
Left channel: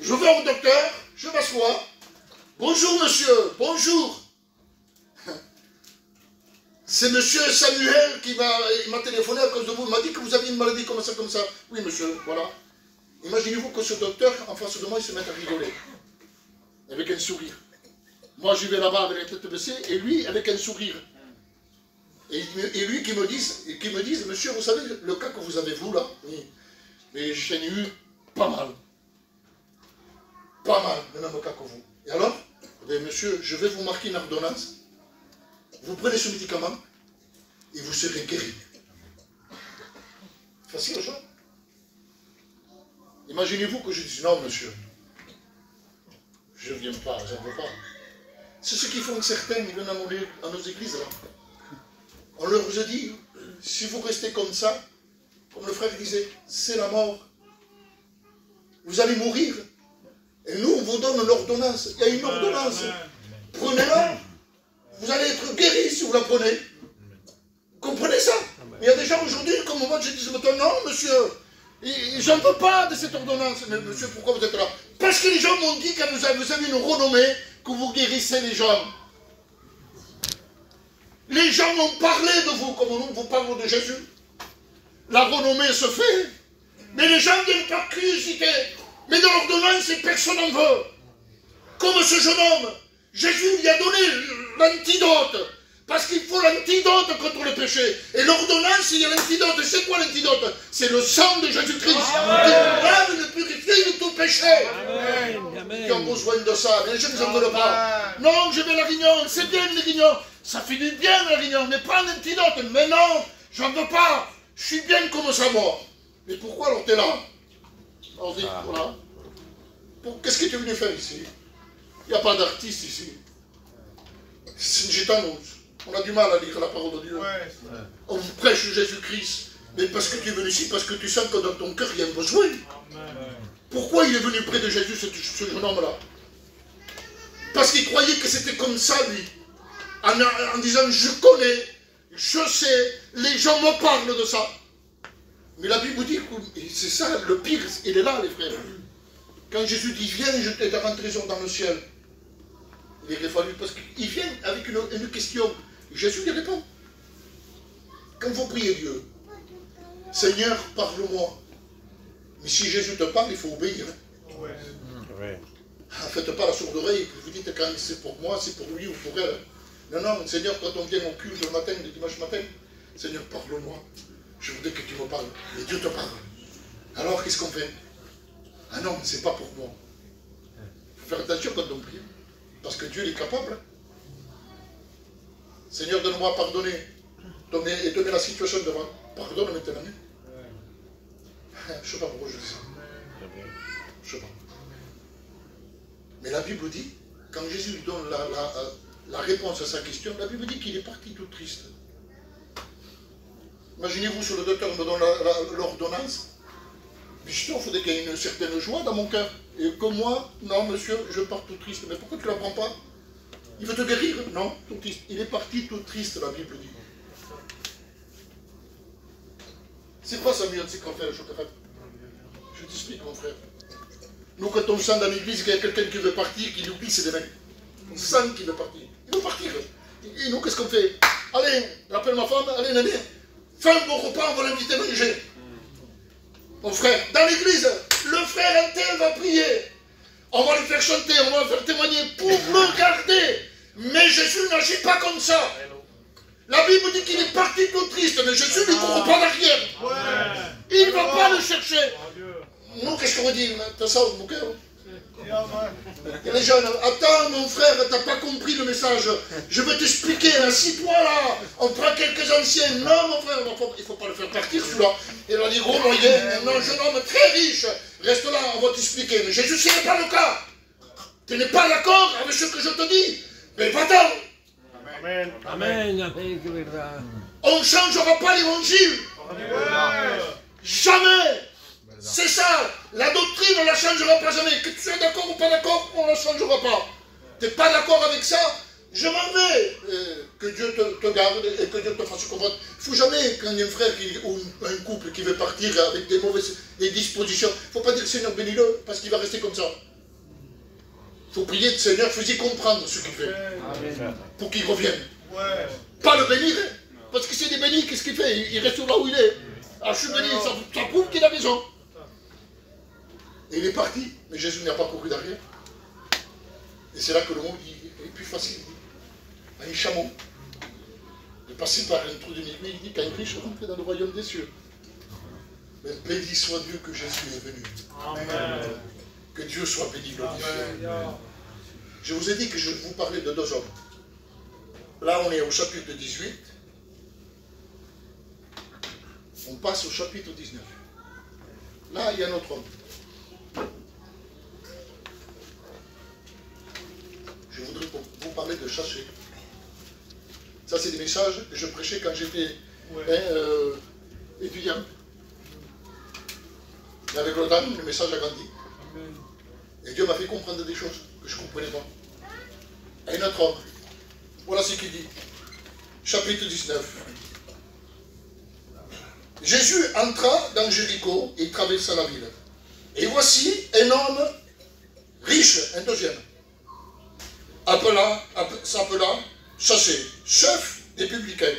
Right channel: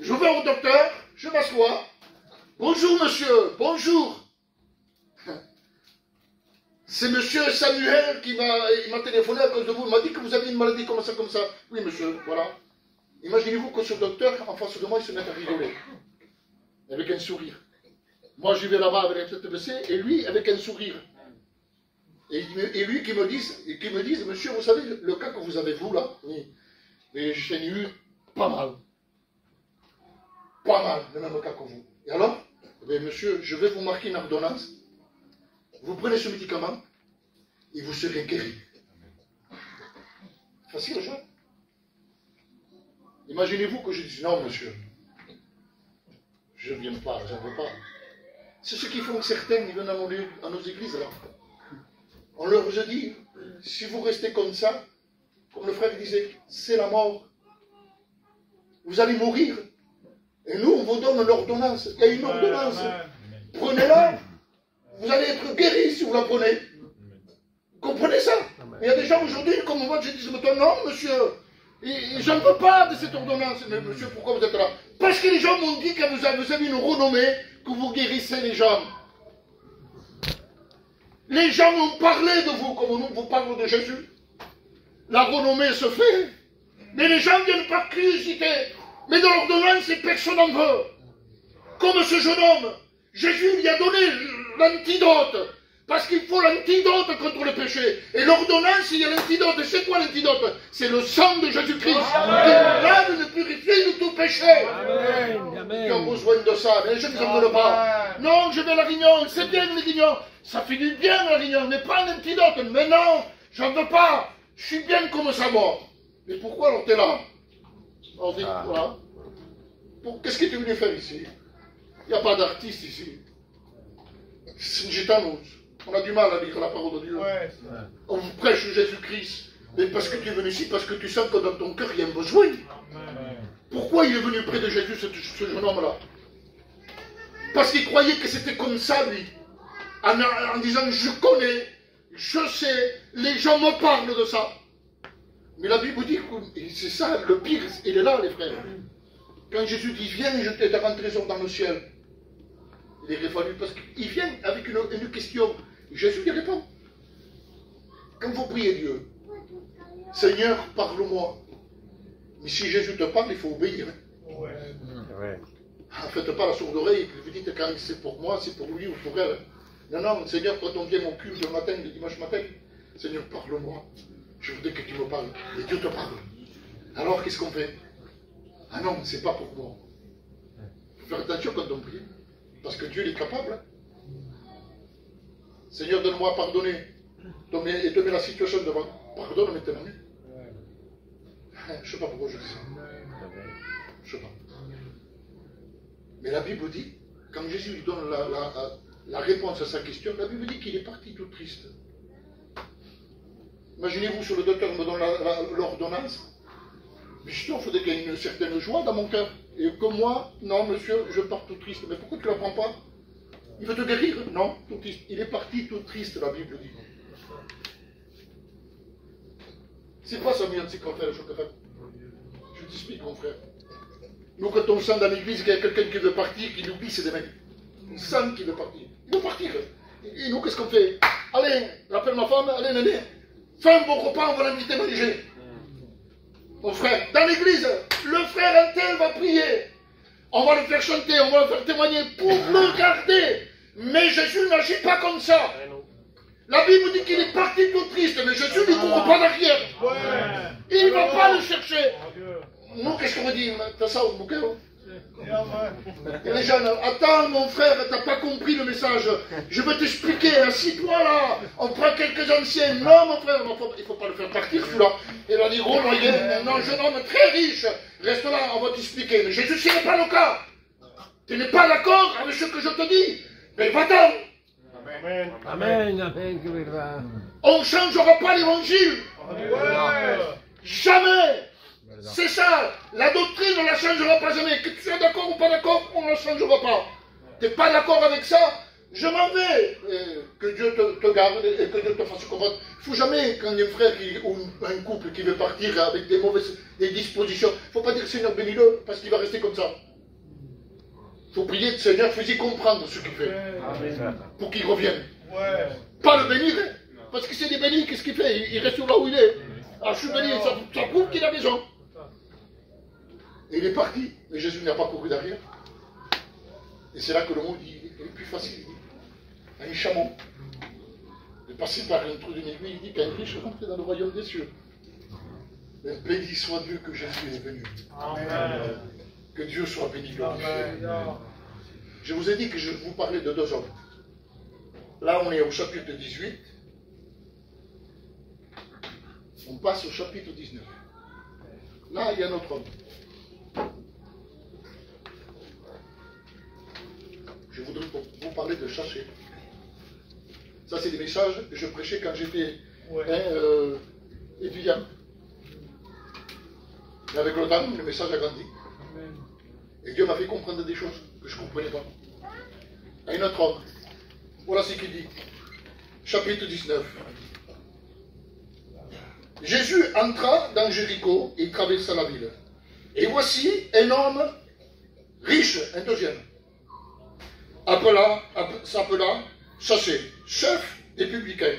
Je vais au docteur, je m'assois. Bonjour monsieur, bonjour. C'est monsieur Samuel qui m'a téléphoné à cause de vous. Il m'a dit que vous avez une maladie comme ça, comme ça. Oui monsieur, voilà. Imaginez-vous que ce docteur, en face de moi, il se met à rigoler. Avec un sourire. Moi j'y vais là-bas avec la tête baissée et lui avec un sourire. Et lui qui me dise, monsieur, vous savez, le cas que vous avez vous là, oui, mais j'en ai eu pas mal. Pas mal, le même cas que vous. Et alors, eh monsieur, je vais vous marquer une ordonnance. Vous prenez ce médicament et vous serez guéri. Facile, ça. Imaginez-vous que je dise, non monsieur, je ne viens pas, je ne veux pas. C'est ce qu'ils font certains, ils viennent à nos églises là. On leur a dit, si vous restez comme ça, comme le frère disait, c'est la mort. Vous allez mourir. Et nous, on vous donne l'ordonnance. Il y a une ordonnance. Prenez-la. Vous allez être guéri si vous la prenez. Vous comprenez ça? Mais il y a des gens aujourd'hui, comme moi, je dis, non, monsieur, j'en veux pas de cette ordonnance. Mais monsieur, pourquoi vous êtes là? Parce que les gens m'ont dit que vous avez une renommée, que vous guérissez les gens. Les gens m'ont parlé de vous, comme nous vous parlons de Jésus. La renommée se fait. Mais les gens viennent par curiosité. Mais dans l'ordonnance, personne n'en veut. Comme ce jeune homme, Jésus lui a donné l'antidote. Parce qu'il faut l'antidote contre le péché. Et l'ordonnance, il y a l'antidote. C'est quoi l'antidote? C'est le sang de Jésus-Christ. Qui lave, le purifie de tout péché. Amen. Qui ont besoin de ça. Mais les gens n'en veulent pas. Non, je vais à la réunion. C'est bien les réunions. Ça finit bien la réunion. Mais pas l'antidote. Mais non, j'en veux pas. Je suis bien comme ça, moi. Mais pourquoi alors tu es là? On dit, voilà. Qu'est-ce que tu es venu faire ici? Il n'y a pas d'artiste ici. C'est une gitane. On a du mal à lire la parole de Dieu. On vous prêche Jésus-Christ. Mais parce que tu es venu ici, parce que tu sens que dans ton cœur, il y a un besoin. Pourquoi il est venu près de Jésus, ce jeune homme-là? Parce qu'il croyait que c'était comme ça, lui. En disant, je connais, je sais, les gens me parlent de ça. Mais la Bible dit, c'est ça, le pire, il est là, les frères. Quand Jésus dit, viens, je t'ai un trésor dans le ciel. Il est fallu, parce qu'il vient avec une question. Jésus lui répond. Quand vous priez Dieu, Seigneur, parle-moi. Mais si Jésus te parle, il faut obéir. Faites pas la sourde oreille, vous dites quand c'est pour moi, c'est pour lui ou pour elle. Non, non, Seigneur, quand on vient au culte le matin, le dimanche matin, Seigneur, parle-moi. Je voudrais que tu me parles. Et Dieu te parle. Alors, qu'est-ce qu'on fait? Ah non, c'est pas pour moi. Il faut faire attention quand on prie. Parce que Dieu est capable. Seigneur, donne-moi à pardonner. Et te mets la situation devant. Pardonne maintenant. Je ne sais pas pourquoi je dis ça. Je ne sais pas. Mais la Bible dit, quand Jésus lui donne la réponse à sa question, la Bible dit qu'il est parti tout triste. Imaginez-vous, si le docteur me donne l'ordonnance. Justement, il faudrait qu'il y ait une certaine joie dans mon cœur. Et que moi, non, monsieur, je pars tout triste. Mais pourquoi tu ne la prends pas? Il veut te guérir? Non, tout triste. Il est parti tout triste, la Bible dit. C'est pas Samuel, c'est qu'on fait le chocolat. Je t'explique, mon frère. Nous, quand on sent dans l'église qu'il y a quelqu'un qui veut partir, qui oublie, c'est des mecs. On sent qu'il veut partir. Il veut partir. Et nous, qu'est-ce qu'on fait? Allez, rappelle ma femme, allez, Nani, fais un bon repas, on va l'inviter à manger. Mon frère, dans l'église, le frère intel va prier. On va le faire chanter, on va le faire témoigner pour le garder. Mais Jésus n'agit pas comme ça. La Bible dit qu'il est parti tout triste, mais Jésus ne court pas derrière. Il ne va pas le chercher. nous, qu'est-ce qu'on dit? T'as ça au bouquet? Et les jeunes, attends mon frère, t'as pas compris le message. Je veux t'expliquer, assis-toi là. On prend quelques anciens. Non mon frère, il faut pas le faire partir celui-là. Et il a dit, gros moyen, un jeune homme très riche. Reste là, on va t'expliquer. Mais Jésus, ce n'est pas le cas. Tu n'es pas d'accord avec ce que je te dis. Mais va-t'en. Amen. Amen. Amen. On ne changera pas l'évangile. Jamais. C'est ça. La doctrine, on ne la changera pas jamais. Que tu sois d'accord ou pas d'accord, on ne la changera pas. Tu n'es pas d'accord avec ça, je m'en vais. Que Dieu te garde et que Dieu te fasse comprendre. Il ne faut jamais, quand il y a un frère ou un couple qui veut partir avec des mauvaises dispositions, il ne faut pas dire Seigneur bénis-le, parce qu'il va rester comme ça. Il faut prier, Seigneur, fais-y comprendre ce qu'il fait. Amen. Pour qu'il revienne. Ouais. Pas le bénir, parce que c'est des bénis, qu'est-ce qu'il fait? Il reste là où il est. Alors je suis béni, ça prouve qu'il a raison. Et il est parti, mais Jésus n'a pas couru derrière. Et c'est là que le mot dit, il est plus facile. Un chameau, de passer par un trou de aiguille, il dit qu'un riche rentre dans le royaume des cieux. Mais béni soit Dieu que Jésus est venu. Amen. Que Dieu soit béni, glorifié. Je vous ai dit que je vous parlais de deux hommes. Là, on est au chapitre 18. On passe au chapitre 19. Là, il y a un autre homme. Je voudrais vous parler de Chaché. Ça, c'est des messages que je prêchais quand j'étais étudiant. Et avec le temps, le message a grandi. Et Dieu m'a fait comprendre des choses que je ne comprenais pas. Et un autre homme. Voilà ce qu'il dit. Chapitre 19. Jésus entra dans Jéricho et traversa la ville. Et voici un homme riche, un deuxième, s'appela Chaché, chef des publicains,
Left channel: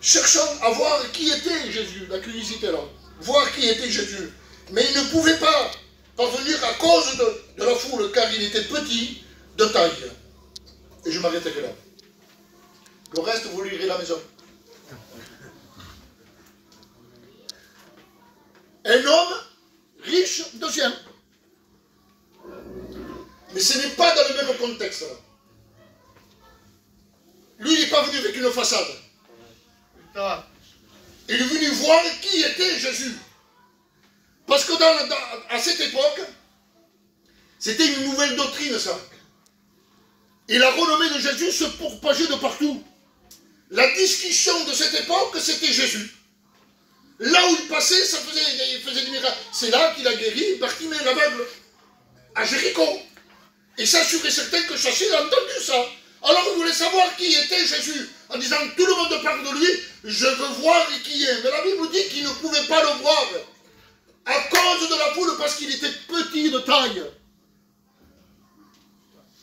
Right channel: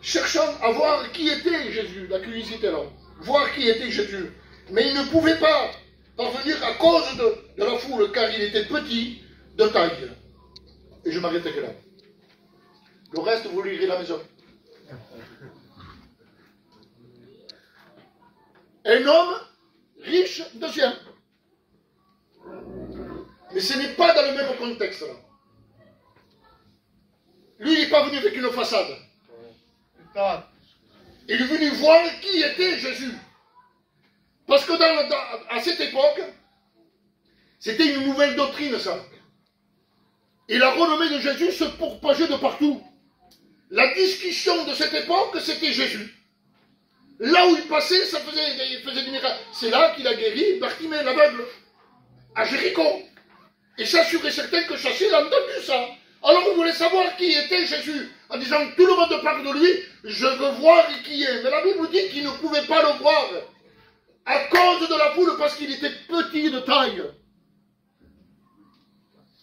cherchant à voir qui était Jésus, la curiosité là, voir qui était Jésus. Mais il ne pouvait pas parvenir à cause de la foule, car il était petit de taille. Et je m'arrêterai là. Le reste, vous lirez à la maison. Un homme riche, deuxième. Mais ce n'est pas dans le même contexte là. Lui, il n'est pas venu avec une façade. Il est venu voir qui était Jésus. Parce que à cette époque, c'était une nouvelle doctrine, ça. Et la renommée de Jésus se propageait de partout. La discussion de cette époque, c'était Jésus. Là où il passait, il faisait des miracles. C'est là qu'il a guéri Bartimée, l'aveugle, à Jéricho. Et ça, sûr et certain que Chaché a entendu ça. Alors il voulait savoir qui était Jésus. En disant, tout le monde parle de lui, je veux voir qui est. Mais la Bible dit qu'il ne pouvait pas le voir. À cause de la foule, parce qu'il était petit de taille.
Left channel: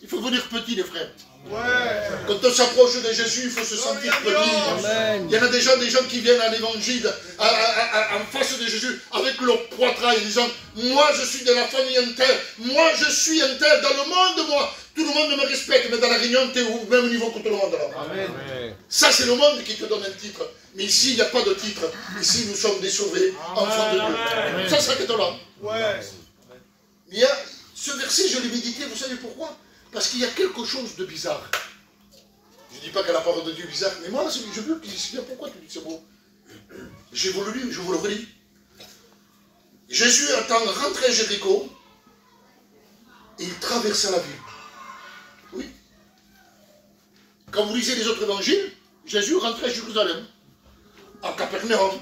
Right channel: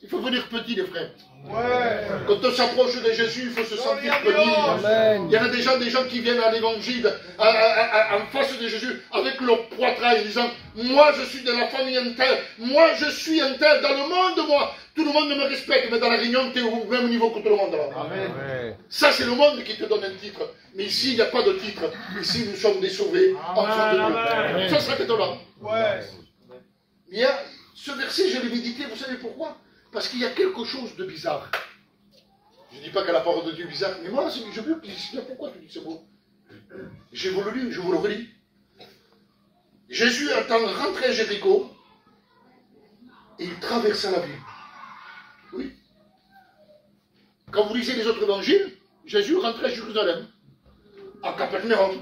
Il faut venir petit, les frères. Ouais. Quand on s'approche de Jésus, il faut se sentir petit. Amen. Il y en a des gens qui viennent à l'évangile, en face de Jésus, avec leur poitrail, en disant, moi je suis de la famille interne, moi je suis interne, dans le monde, moi, tout le monde me respecte, mais dans la réunion, tu es au même niveau que tout le monde. Là. Amen. Ça, c'est le monde qui te donne un titre. Mais ici, il n'y a pas de titre. Ici, nous sommes des sauvés, enfants de Dieu. Ça, c'est que là. Ouais. Il y a ce verset, je l'ai médité, vous savez pourquoi? Parce qu'il y a quelque chose de bizarre. Je ne dis pas que la parole de Dieu est bizarre, mais moi, je veux que je sais pourquoi tu dis ce mot. Je vous le lis, je vous le relis. Jésus étant rentré à Jéricho, il traversa la ville. Oui. Quand vous lisez les autres évangiles, Jésus rentrait à Jérusalem, à Capernaum.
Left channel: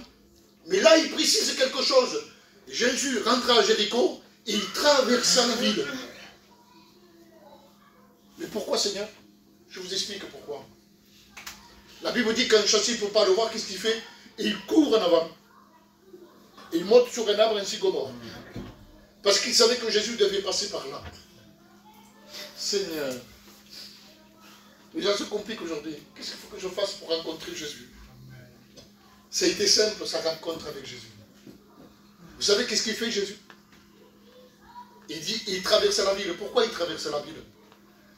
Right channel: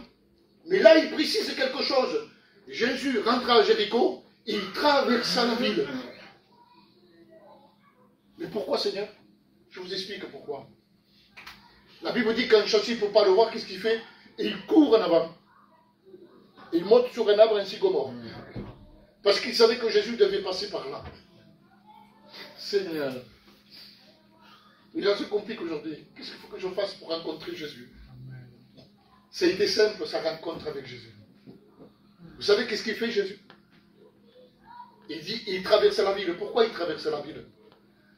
Mais là, il précise quelque chose. Jésus rentra à Jéricho et il traversa la ville. Mais pourquoi, Seigneur? Je vous explique pourquoi. La Bible dit qu'un chasseur ne peut pas le voir, qu'est-ce qu'il fait? Et il court en avant. Et il monte sur un arbre, un sycomore. Parce qu'il savait que Jésus devait passer par là. Seigneur, les gens se compliquent aujourd'hui. Qu'est-ce qu'il faut que je fasse pour rencontrer Jésus? Ça a été simple, sa rencontre avec Jésus. Vous savez qu'est-ce qu'il fait, Jésus? Il traversait la ville. Pourquoi il traversait la ville?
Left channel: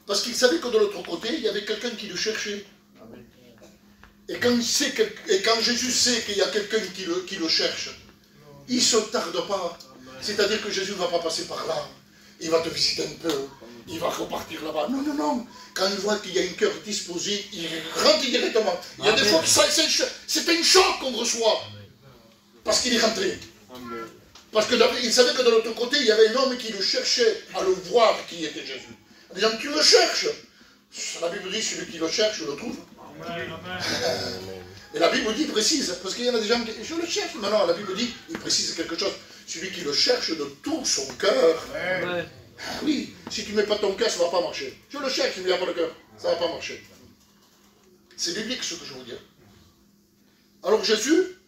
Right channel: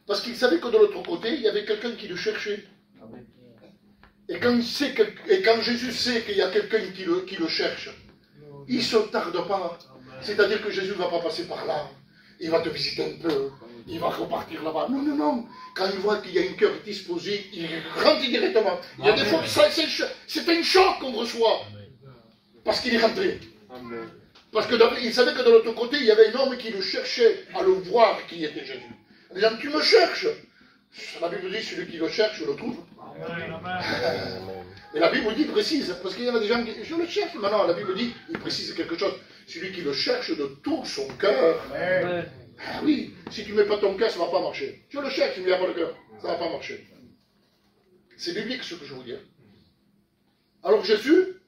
Parce qu'il savait que de l'autre côté, il y avait quelqu'un qui le cherchait. Et quand Jésus sait qu'il y a quelqu'un qui le cherche, il ne se tarde pas. C'est-à-dire que Jésus ne va pas passer par là. Il va te visiter un peu. Il va repartir là-bas. Non, non, non. Quand il voit qu'il y a un cœur disposé, il rentre directement. Il y a des fois que c'est un choc qu'on reçoit. Parce qu'il est rentré. Amen. Parce qu'il savait que de l'autre côté, il y avait un homme qui le cherchait à le voir qui était Jésus. En disant, tu me cherches. La Bible dit, celui qui le cherche, le trouve. Et la Bible dit précise, parce qu'il y en a des gens qui je le cherche. Maintenant, la Bible dit, il précise quelque chose. Celui qui le cherche de tout son cœur. Ah oui, si tu ne mets pas ton cœur, ça ne va pas marcher. Je le cherche, il n'y a pas de cœur. Ça ne va pas marcher. C'est biblique ce que je vous dis. Alors Jésus,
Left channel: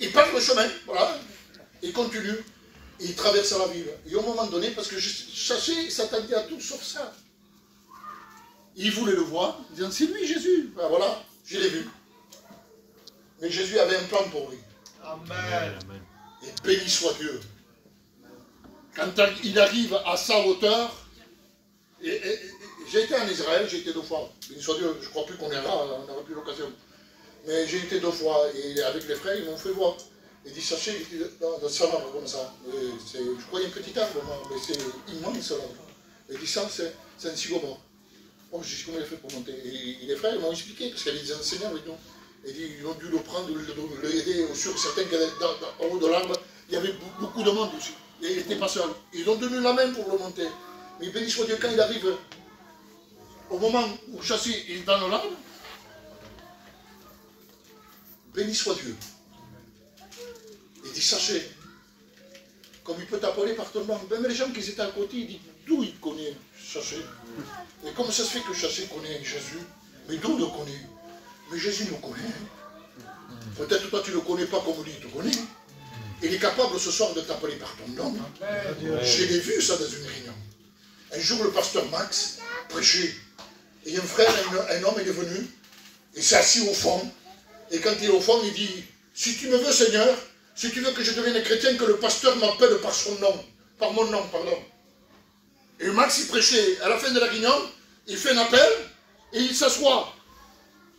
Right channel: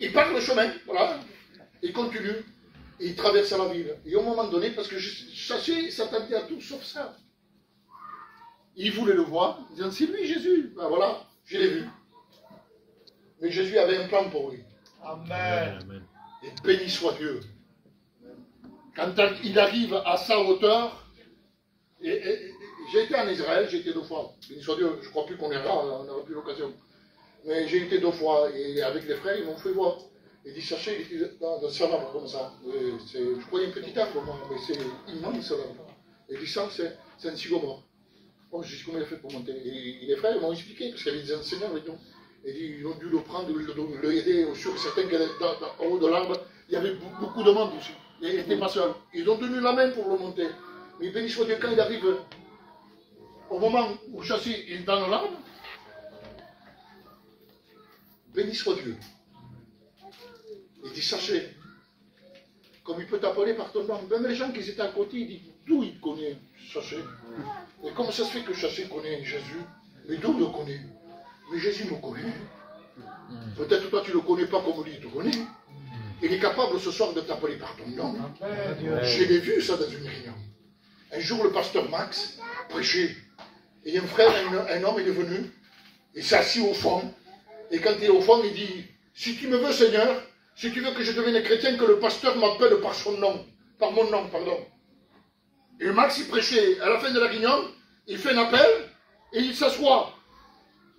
il part le chemin, voilà. Il continue. Il traverse la ville. Et au moment donné, parce que Chaché s'attendait à tout sauf ça. Il voulait le voir, disant, c'est lui Jésus. Ben voilà, je l'ai vu. Mais Jésus avait un plan pour lui. Amen. Et béni soit Dieu. Quand il arrive à sa hauteur, j'ai été en Israël, j'ai été 2 fois. Béni soit Dieu, je ne crois plus qu'on ira, on n'aura plus l'occasion. Mais j'ai été 2 fois, et avec les frères, ils m'ont fait voir. Il dit, cherchez dans sa main, comme ça. Je crois qu'il y a un petit arbre, moi, mais c'est immense là. Il dit, ça, c'est un sycomore. Bon, je dis, comment il a fait pour monter? Et les frères, ils m'ont expliqué, parce qu'il y avait des enseignants avec nous. Il dit, ils ont dû le prendre, l'aider, sur certains qui étaient en haut de l'arbre. Il y avait beaucoup de monde dessus. Il n'était pas seul. Ils ont tenu la main pour le monter. Mais béni soit Dieu, quand il arrive au moment où Chassé est dans l'arbre, béni soit Dieu. Il dit, sachez, comme il peut t'appeler par ton nom. Même les gens qui étaient à côté, ils disent, d'où il connaît Chassé? Et comment ça se fait que Chassé connaît Jésus? Mais d'où il le connaît? Mais Jésus le connaît. Peut-être toi tu ne le connais pas comme lui, il te connaît. Il est capable ce soir de t'appeler par ton nom. Je l'ai vu ça dans une réunion. Un jour le pasteur Max prêchait. Et un frère, un homme, il est venu. Il s'est assis au fond. Et quand il est au fond, il dit, si tu me veux Seigneur, si tu veux que je devienne chrétien, que le pasteur m'appelle par son nom. Par mon nom, pardon. Et Max il prêchait. À la fin de la réunion, il fait un appel et il s'assoit.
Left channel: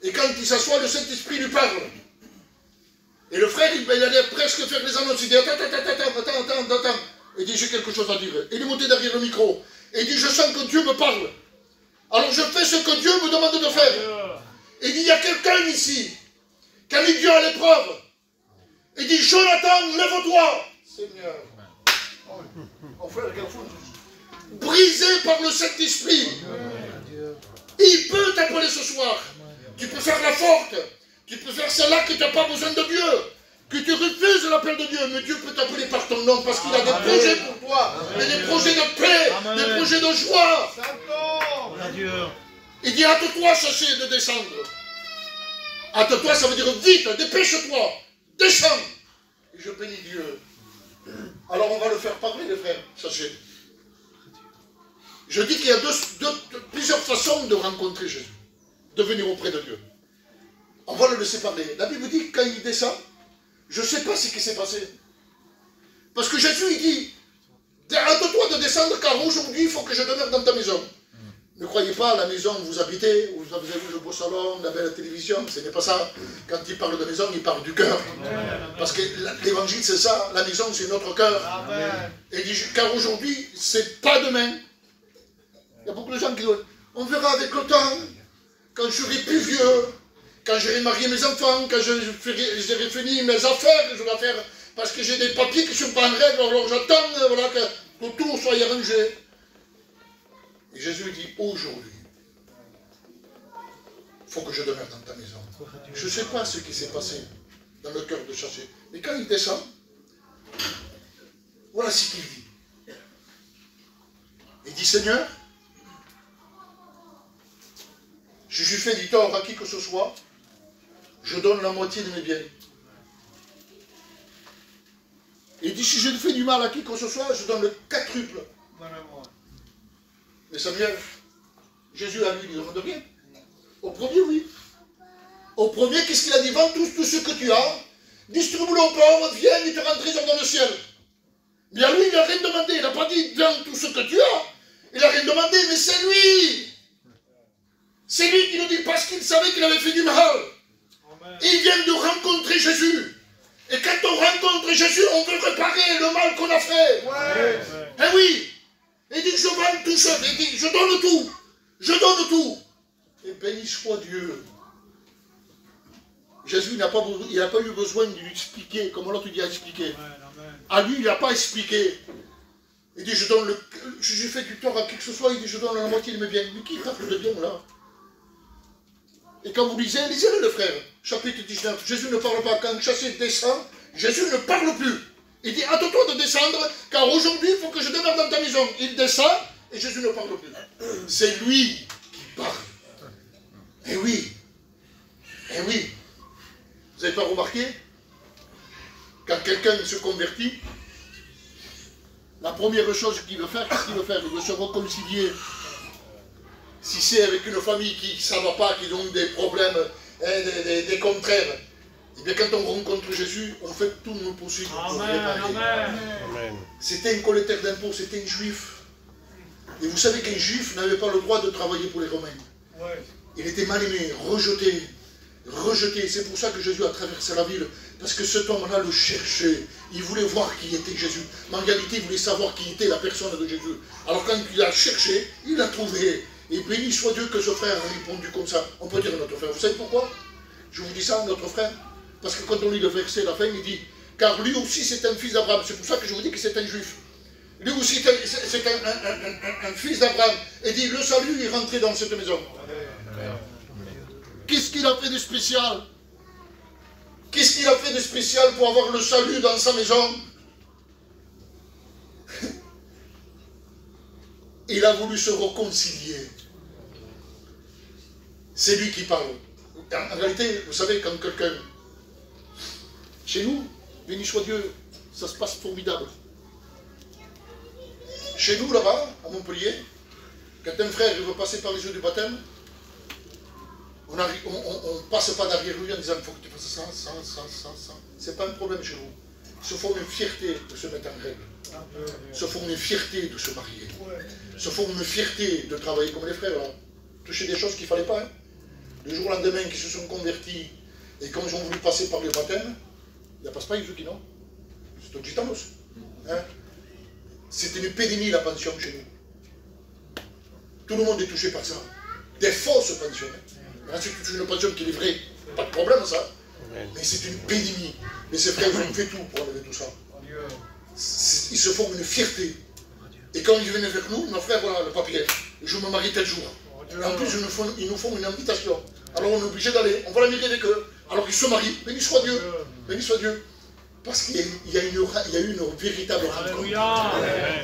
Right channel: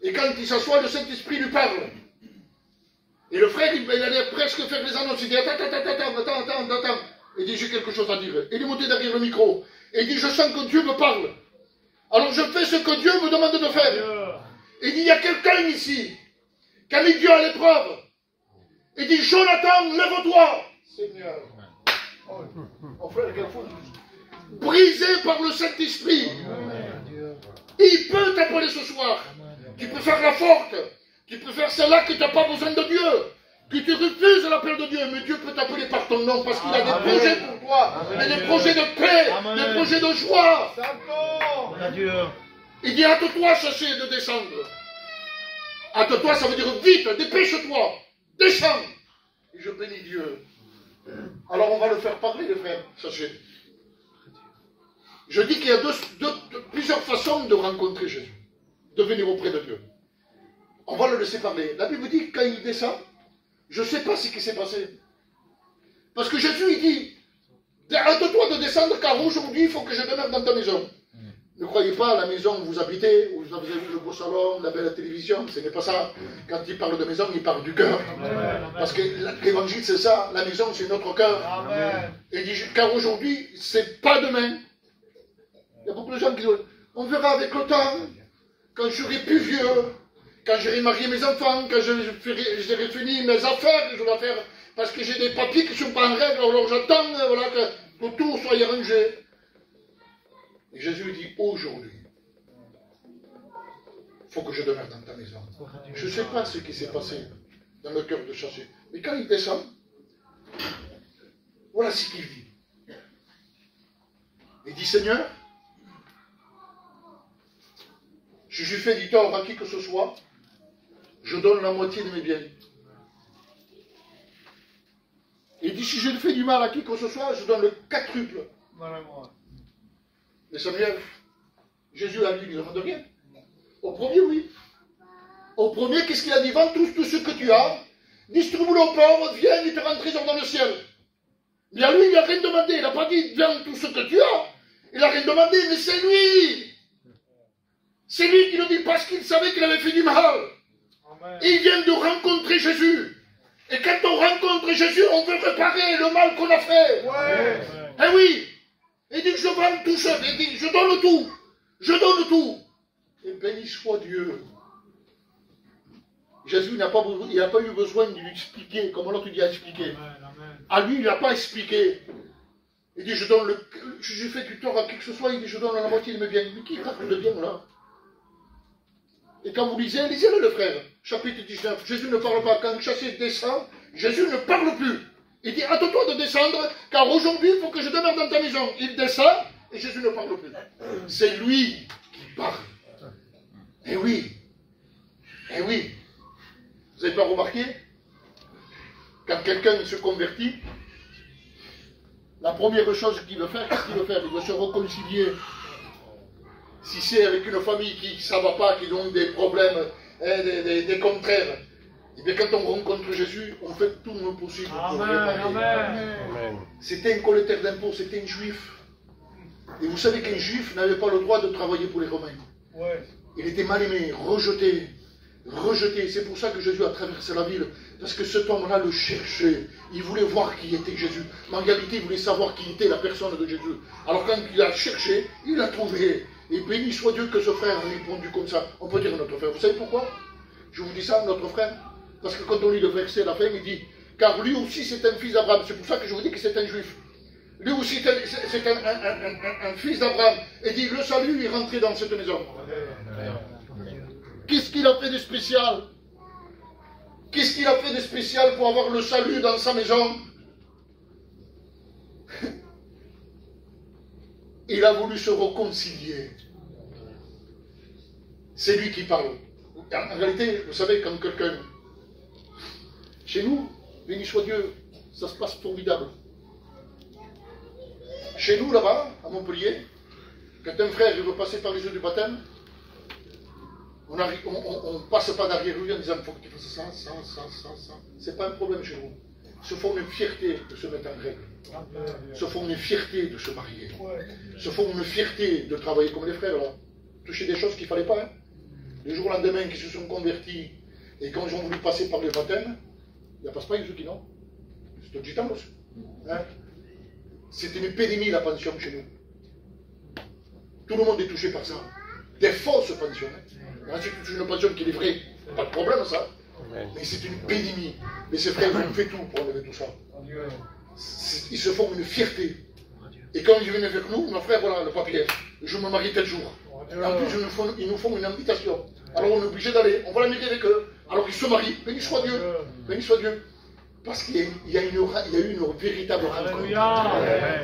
Et quand il s'assoit, le Saint-Esprit lui parle. Et le frère, il allait presque faire les annonces. Il dit, attends. Il dit, j'ai quelque chose à dire. Il est monté derrière le micro. Et il dit, je sens que Dieu me parle. Alors je fais ce que Dieu me demande de faire. Il dit, il y a quelqu'un ici qui a mis Dieu à l'épreuve. Il dit, Jonathan, lève-toi. Seigneur. Mon frère, quel fou. Brisé par le Saint-Esprit. Il peut t'appeler ce soir. Tu peux faire la forte. Tu peux faire celle-là que tu n'as pas besoin de Dieu. Que tu refuses l'appel de Dieu. Mais Dieu peut t'appeler par ton nom parce qu'il a des projets pour toi. Il y a des projets de paix, des projets de joie. Il dit, hâte-toi, Chassé, de descendre. Hâte-toi, ça veut dire vite, dépêche-toi. Descends. Et je bénis Dieu. Alors on va le faire parler, les frères, Chassé. Je dis qu'il y a plusieurs façons de rencontrer Jésus. De venir auprès de Dieu. On va le laisser parler. La Bible dit que quand il descend, je ne sais pas ce qui s'est passé. Parce que Jésus, il dit, hâte-toi de descendre car aujourd'hui, il faut que je demeure dans ta maison. Ne croyez pas à la maison où vous habitez, où vous avez le beau salon, la belle télévision. Ce n'est pas ça. Quand il parle de maison, il parle du cœur. Parce que l'évangile, c'est ça. La maison, c'est notre cœur. Et il dit, car aujourd'hui, c'est pas demain. Il y a beaucoup de gens qui disent, on verra avec le temps, quand je serai plus vieux, quand j'aurai marié mes enfants, quand j'aurai fini mes affaires que je dois faire, parce que j'ai des papiers qui ne sont pas en règle, alors j'attends voilà, que tout soit arrangé. Et Jésus dit, aujourd'hui, il faut que je demeure dans ta maison. Je ne sais pas ce qui s'est passé dans le cœur de Chassé. Mais quand il descend, voilà ce qu'il dit. Il dit, Seigneur, si je fais du tort à qui que ce soit, je donne la moitié de mes biens. Il dit, si je fais du mal à qui que ce soit, je donne le quadruple. Mais Samuel, Jésus a lui, il ne demande rien. Au premier, oui. Au premier, qu'est-ce qu'il a dit? Vends tout ce que tu as, distribue-le aux pauvres, viens et te rends trésor dans le ciel. Mais à lui, il n'a rien demandé. Il n'a pas dit, vends tout ce que tu as. Il n'a rien demandé, mais c'est lui. C'est lui qui le dit parce qu'il savait qu'il avait fait du mal. Amen. Il vient de rencontrer Jésus. Et quand on rencontre contre Jésus, on veut réparer le mal qu'on a fait. Ouais. Eh oui. Il dit, je vends tout seul. Il dit, je donne tout. Je donne tout. Et béni soit Dieu. Jésus n'a pas eu besoin de lui expliquer, comme l'autre dit à expliquer. À lui, il n'a pas expliqué. Il dit, je fais du tort à qui que ce soit, il dit, je donne la moitié de mes biens. Mais qui parle de bien là? Et quand vous lisez, lisez-le le frère, chapitre 19, Jésus ne parle pas, quand chassé descend, Jésus ne parle plus. Il dit, attends-toi de descendre, car aujourd'hui, il faut que je demeure dans ta maison. Il descend, et Jésus ne parle plus. C'est lui qui parle. Eh oui. Eh oui. Vous n'avez pas remarqué? Quand quelqu'un se convertit, la première chose qu'il veut faire, qu'est-ce qu'il veut faire? Il veut se réconcilier. Si c'est avec une famille qui ne va pas, qui ont des problèmes, des contraires, et bien quand on rencontre Jésus, on fait tout le possible pour réparer. Amen. C'était un collecteur d'impôts, c'était un juif. Et vous savez qu'un juif n'avait pas le droit de travailler pour les Romains. Ouais. Il était mal aimé, rejeté. Rejeté. C'est pour ça que Jésus a traversé la ville. Parce que cet homme-là le cherchait. Il voulait voir qui était Jésus. Mais en réalité, il voulait savoir qui était la personne de Jésus. Alors quand il a cherché, il l'a trouvé. Et béni soit Dieu que ce frère a répondu comme ça. On peut dire notre frère. Vous savez pourquoi je vous dis ça, notre frère? Parce que quand on lit le verset à la fin, il dit, car lui aussi c'est un fils d'Abraham. C'est pour ça que je vous dis que c'est un juif. Lui aussi c'est un fils d'Abraham. Et dit, le salut est rentré dans cette maison. Qu'est-ce qu'il a fait de spécial? Qu'est-ce qu'il a fait de spécial pour avoir le salut dans sa maison? Il a voulu se réconcilier. C'est lui qui parle. En réalité, vous savez, quand quelqu'un... Chez nous, béni soit Dieu, ça se passe formidable. Chez nous, là-bas, à Montpellier, quand un frère veut passer par les yeux du baptême, on ne passe pas derrière lui en disant il faut que tu fasses ça, ça, ça, ça, ça. C'est pas un problème chez nous. Ils se font une fierté de se mettre en règle. Ils se font une fierté de se marier. Ils se font une fierté de travailler comme les frères là. Toucher des choses qu'il ne fallait pas. Hein. Le jour au lendemain qui se sont convertis et quand ils ont voulu passer par le baptême, il n'y a pas Yuzuki, non? C'est au Gitanos. Hein? C'était une épidémie la pension chez nous. Tout le monde est touché par ça. Des fausses pensions. Hein? Si tu touches une pension qui est vraie, pas de problème ça. Mais c'est une épidémie. Mais ces frères ont fait tout pour enlever tout ça. Ils se font une fierté. Et quand ils viennent vers nous, nos frères, voilà le papier. Je me marie tel jour. En plus, ils nous font une invitation. Alors on est obligé d'aller, on va la mairie avec eux. Alors ils se marient, béni soit Dieu. Béni soit Dieu. Parce qu'il y a eu une véritable rencontre.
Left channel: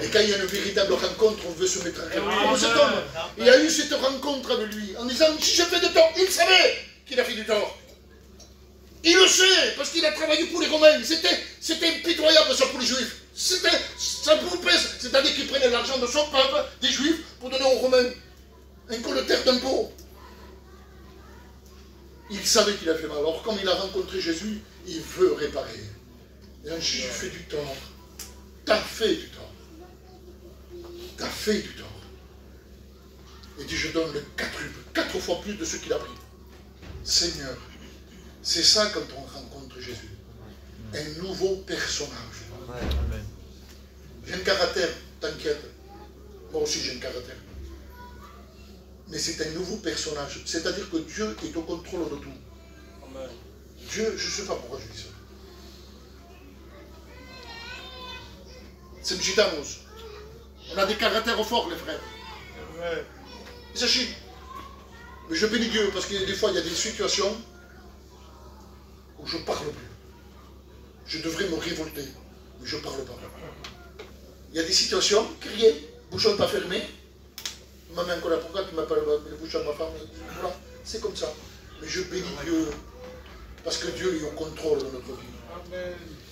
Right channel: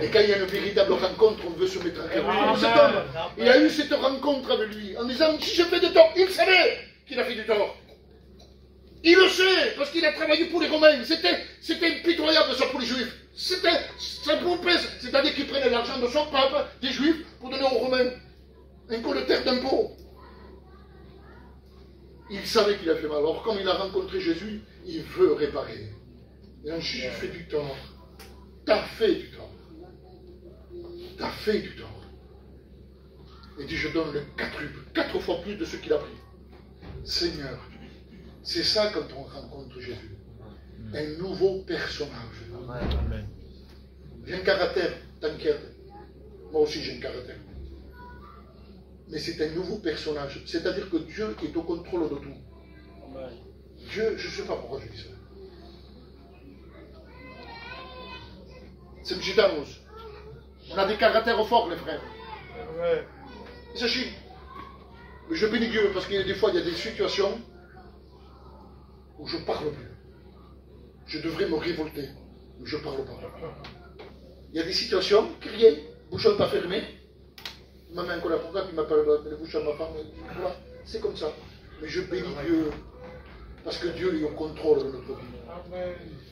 Et quand il y a une véritable rencontre, on veut se mettre en rencontre. Comme cet homme, il a eu cette rencontre avec lui, en disant, si j'ai fait du tort, il savait qu'il a fait du tort. Il le sait, parce qu'il a travaillé pour les Romains. C'était impitoyable ça pour les Juifs. C'était sa promesse, c'est-à-dire qu'il prenait l'argent de son pape, des Juifs, pour donner aux Romains. Un collecteur d'impôts. Il savait qu'il a fait mal. Alors, comme il a rencontré Jésus, il veut réparer. Et un juif fait du tort. T'as fait du tort. T'as fait du tort. Il dit, je donne le 4 fois plus de ce qu'il a pris. Seigneur, c'est ça quand on rencontre Jésus. Un nouveau personnage. Amen. J'ai un caractère, t'inquiète. Moi aussi j'ai un caractère. Mais c'est un nouveau personnage. C'est-à-dire que Dieu est au contrôle de tout. Amen. Dieu, je ne sais pas pourquoi je dis ça. C'est Mjitanos. On a des caractères forts, les frères. Et sachez, mais je bénis Dieu parce que des fois, il y a des situations où je ne parle plus. Je devrais me révolter, mais je ne parle pas. Il y a des situations, crier, bouchon pas fermé. Ma main collée, pourquoi tu m'appelles le bouchon de ma femme? Voilà, c'est comme ça. Mais je bénis Dieu parce que Dieu est au contrôle de notre vie.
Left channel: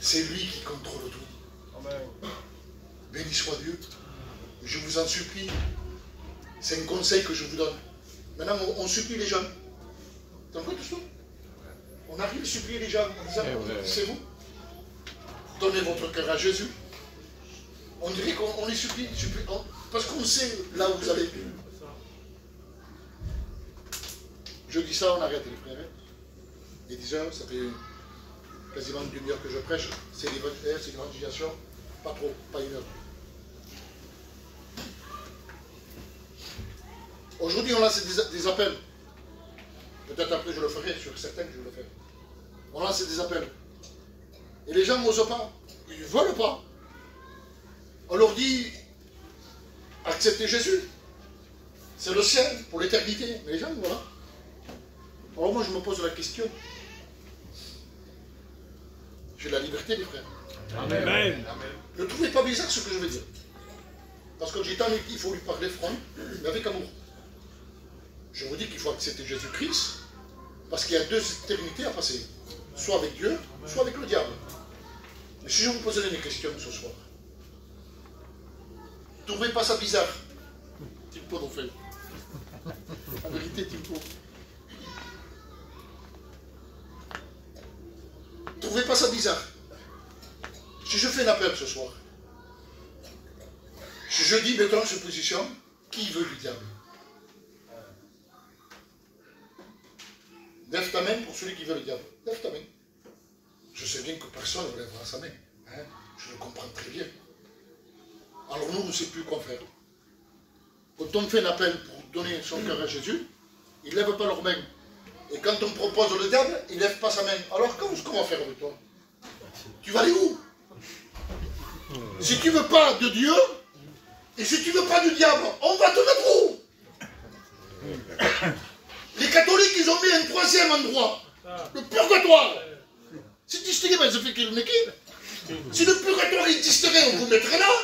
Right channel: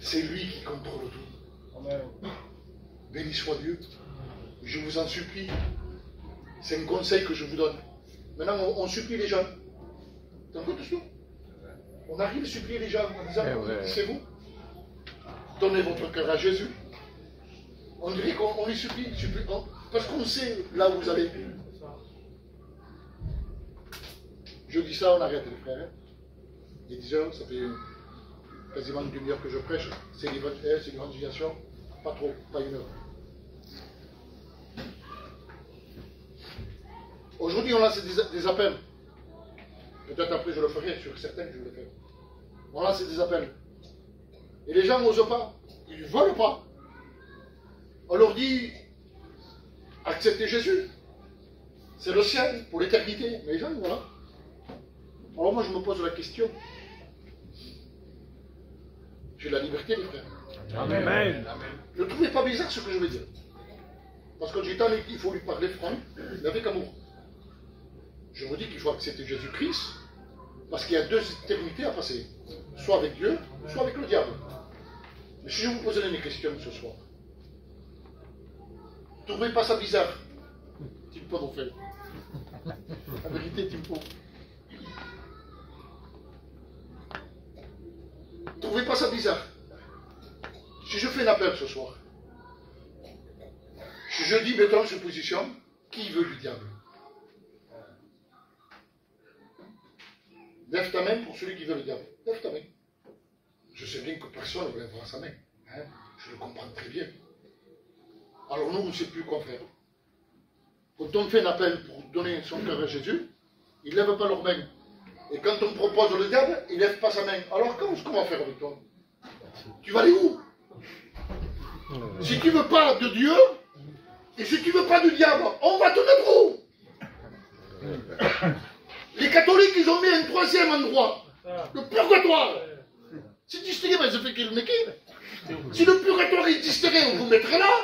C'est lui qui contrôle tout. Amen. Béni soit Dieu. Je vous en supplie. C'est un conseil que je vous donne. Maintenant, on supplie les gens. T'en comptes tout? On arrive à supplier les gens en disant, c'est vous. Donnez votre cœur à Jésus. On dirait qu'on les supplie, parce qu'on sait là où vous allez. Je dis ça, on arrête les frères. Et déjà, ça fait quasiment une demi-heure que je prêche, c'est l'évangélisation, pas trop, pas une heure. Aujourd'hui, on lance des appels. Peut-être après je le ferai, sur certains que je le ferai. On lance des appels. Et les gens n'osent pas. Ils ne veulent pas. On leur dit, acceptez Jésus. C'est le ciel pour l'éternité. Mais les gens, voilà. Alors moi, je me pose la question. J'ai la liberté, les frères. Amen. Amen. Ne trouvez pas bizarre ce que je veux dire. Parce que j'ai tant dit qu'il faut lui parler franc, mais avec amour. Je vous dis qu'il faut accepter Jésus-Christ, parce qu'il y a deux éternités à passer. Soit avec Dieu, soit avec le diable. Mais si je vous posais une question ce soir, ne trouvez pas ça bizarre? Timpo nous fait. En vérité, Timpo. Ne trouvez pas ça bizarre? Si je fais un appel ce soir, si je dis mettons cette position, qui veut du diable? Lève ta main pour celui qui veut le diable. Lève ta main. Je sais bien que personne ne lèvera sa main. Hein? Je le comprends très bien. Alors nous, on ne sait plus quoi faire. Quand on fait un appel pour donner son cœur à Jésus, ils ne lèvent pas leur main. Et quand on propose le diable, il ne lève pas sa main. Alors comment faire avec toi? Tu vas aller où? Si tu ne veux pas de Dieu, et si tu ne veux pas du diable, on va te mettre où? Les catholiques, ils ont mis un troisième endroit. Le purgatoire. C'est distingué, mais ça fait qu'il me quitte. Si le purgatoire est distingué, on vous mettrait là.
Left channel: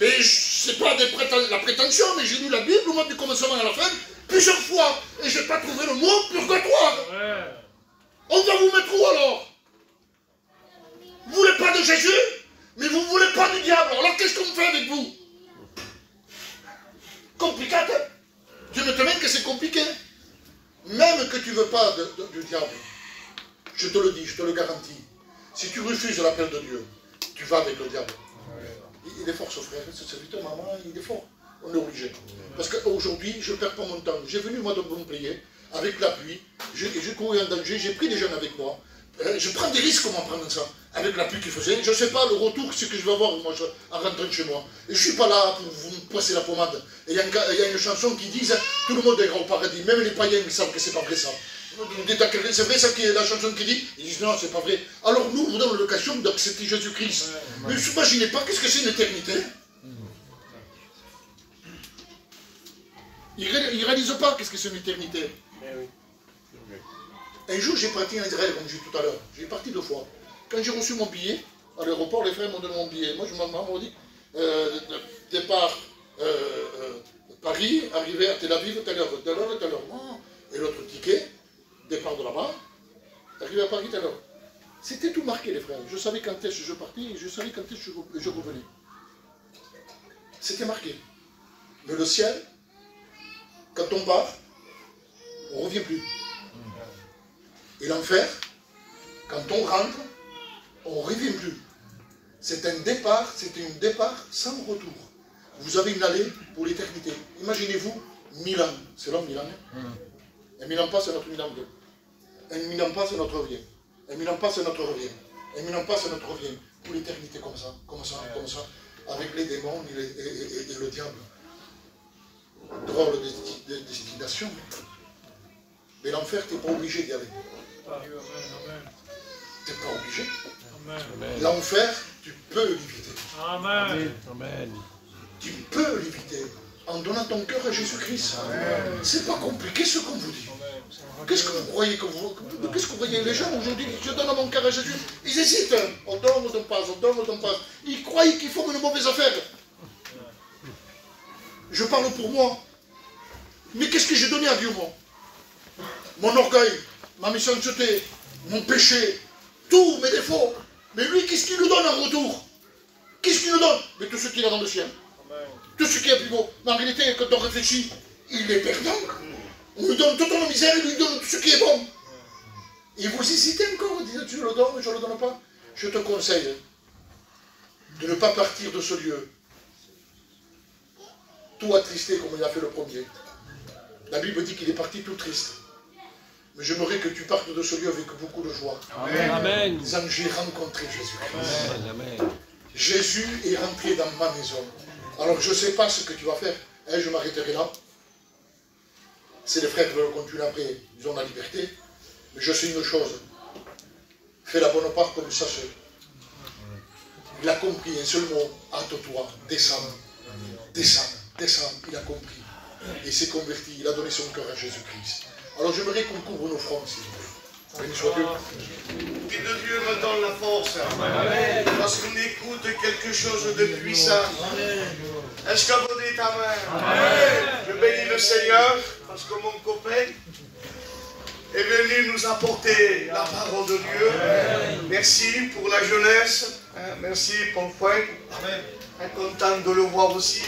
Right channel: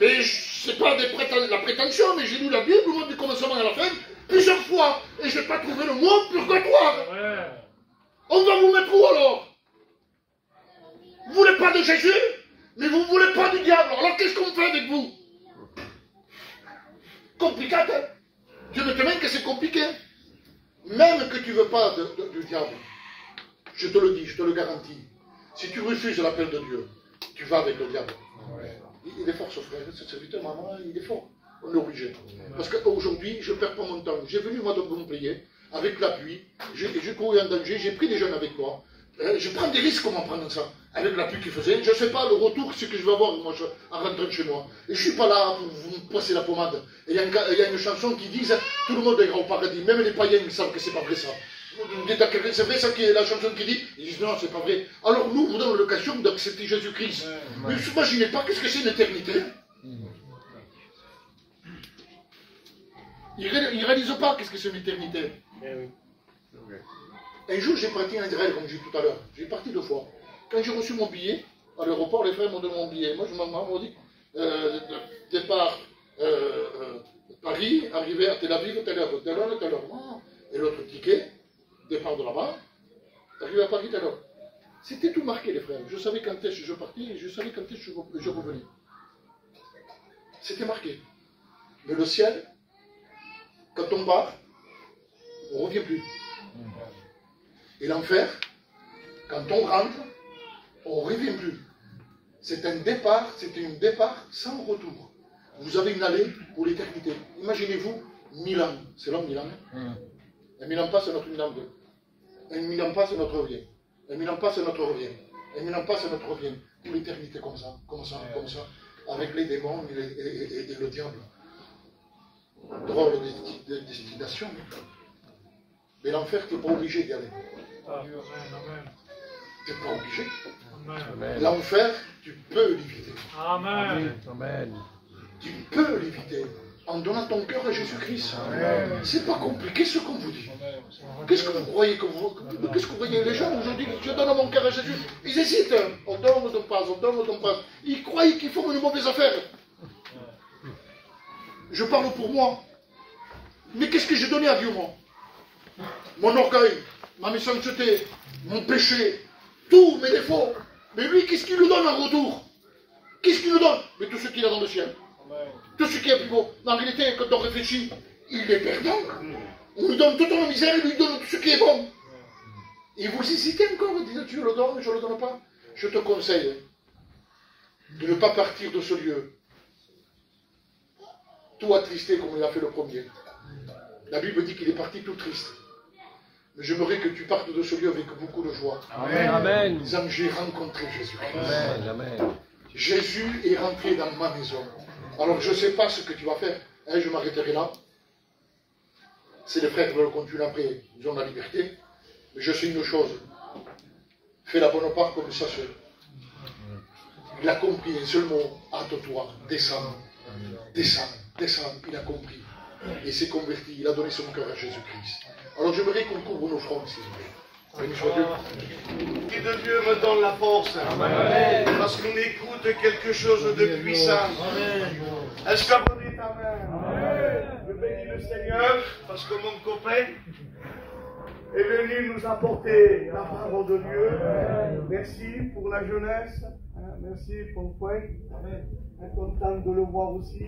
Mais c'est pas la prétention, mais j'ai lu la Bible, au moins du commencement à la fin, plusieurs fois. Et je n'ai pas trouvé le mot purgatoire. On va vous mettre où alors? Vous ne voulez pas de Jésus, mais vous ne voulez pas du diable. Alors qu'est-ce qu'on fait avec vous? Compliqué, hein? Dieu ne te met que c'est compliqué. Même que tu ne veux pas du diable, je te le dis, je te le garantis. Si tu refuses l'appel de Dieu, tu vas avec le diable. Il est fort ce frère, ce serviteur, maman, il est fort. On est obligé. Parce qu'aujourd'hui, je ne perds pas mon temps. J'ai venu moi de Montpellier, avec la pluie, j'ai couru en danger, j'ai pris des jeunes avec moi. Je prends des risques comment prendre ça, avec la pluie qu'il faisait. Je ne sais pas le retour, ce que je vais avoir moi, en rentrant chez moi. Et je ne suis pas là pour vous passer la pommade. Et il y a une chanson qui dit tout le monde ira au paradis, même les païens ils savent que c'est pas vrai ça. C'est vrai ça qui est la chanson qui dit? Ils disent non, c'est pas vrai. Alors nous, vous donnons l'occasion d'accepter Jésus-Christ. Mais vous n'imaginez pas qu'est-ce que c'est une éternité? Ils ne réalisent pas qu'est-ce que c'est une éternité. Un jour, j'ai parti en Israël, comme j'ai dit tout à l'heure. J'ai parti 2 fois. Quand j'ai reçu mon billet, à l'aéroport, les frères m'ont donné mon billet. Moi, je m'en dit, départ Paris, arrivé à Tel Aviv, telle heure. Oh. Et l'autre ticket, départ de là-bas, arrivé à Paris, telle heure. C'était tout marqué, les frères. Je savais quand est-ce que je partais et je savais quand est-ce que je revenais. C'était marqué. Mais le ciel, quand on part, on ne revient plus. Et l'enfer, quand on rentre, on ne revient plus. C'est un départ sans retour. Vous avez une allée pour l'éternité. Imaginez-vous, 1000 ans. C'est long, 1000 ans. Un 1000 ans passe, c'est notre 1000 ans. Un 1000 ans passe, c'est notre revient. Un 1000 ans passe, c'est notre revient. Un 1000 ans passe, c'est notre revient. Pour l'éternité, comme ça. Avec les démons et le diable. Drôle de destination. Mais l'enfer, tu n'es pas obligé d'y aller. Tu n'es pas obligé. L'enfer, tu peux l'éviter. Amen. Tu peux l'éviter en donnant ton cœur à Jésus-Christ. C'est pas compliqué ce qu'on vous dit. Qu'est-ce que vous croyez qu'est-ce que vous voyez les gens aujourd'hui? Je donne mon cœur à Jésus. Ils hésitent. On donne, on donne pas. Ils croient qu'ils font une mauvaise affaire. Je parle pour moi. Mais qu'est-ce que j'ai donné à Dieu, moi? Mon orgueil, ma méchanceté, mon péché, tous mes défauts. Mais lui, qu'est-ce qu'il nous donne en retour? Qu'est-ce qu'il nous donne? Mais tout ce qu'il a dans le ciel. Tout ce qui est plus beau. Mais en réalité, quand on réfléchit, il est perdant. On lui donne toute nos misères, il lui donne tout ce qui est bon. Et vous hésitez encore, dites tu le donnes, je ne le donne pas. Je te conseille de ne pas partir de ce lieu tout attristé comme il a fait le premier. La Bible dit qu'il est parti tout triste. Mais j'aimerais que tu partes de ce lieu avec beaucoup de joie. Amen. Amen. Disant, j'ai rencontré Jésus-Christ. Amen. Amen. Jésus est rentré dans ma maison. Alors je ne sais pas ce que tu vas faire. Hein, je m'arrêterai là. C'est les frères qui veulent continuer après. Ils ont la liberté. Mais je sais une chose. Fais la bonne part comme ça se. Il a compris un seul mot. Hâte-toi. Descends. Descends. Descends. Il a compris. Et s'est converti. Il a donné son cœur à Jésus-Christ. Alors j'aimerais qu'on couvre nos fronts, s'il vous plaît. Béni soit Dieu. L'Esprit de Dieu me donne la force. Amen. Parce qu'on écoute quelque chose de puissant. Est-ce que vous dites Amen? Amen. Je bénis le Seigneur parce que mon copain est venu nous apporter la parole de Dieu. Amen. Merci pour la jeunesse. Merci pour le frère. Content de le voir aussi.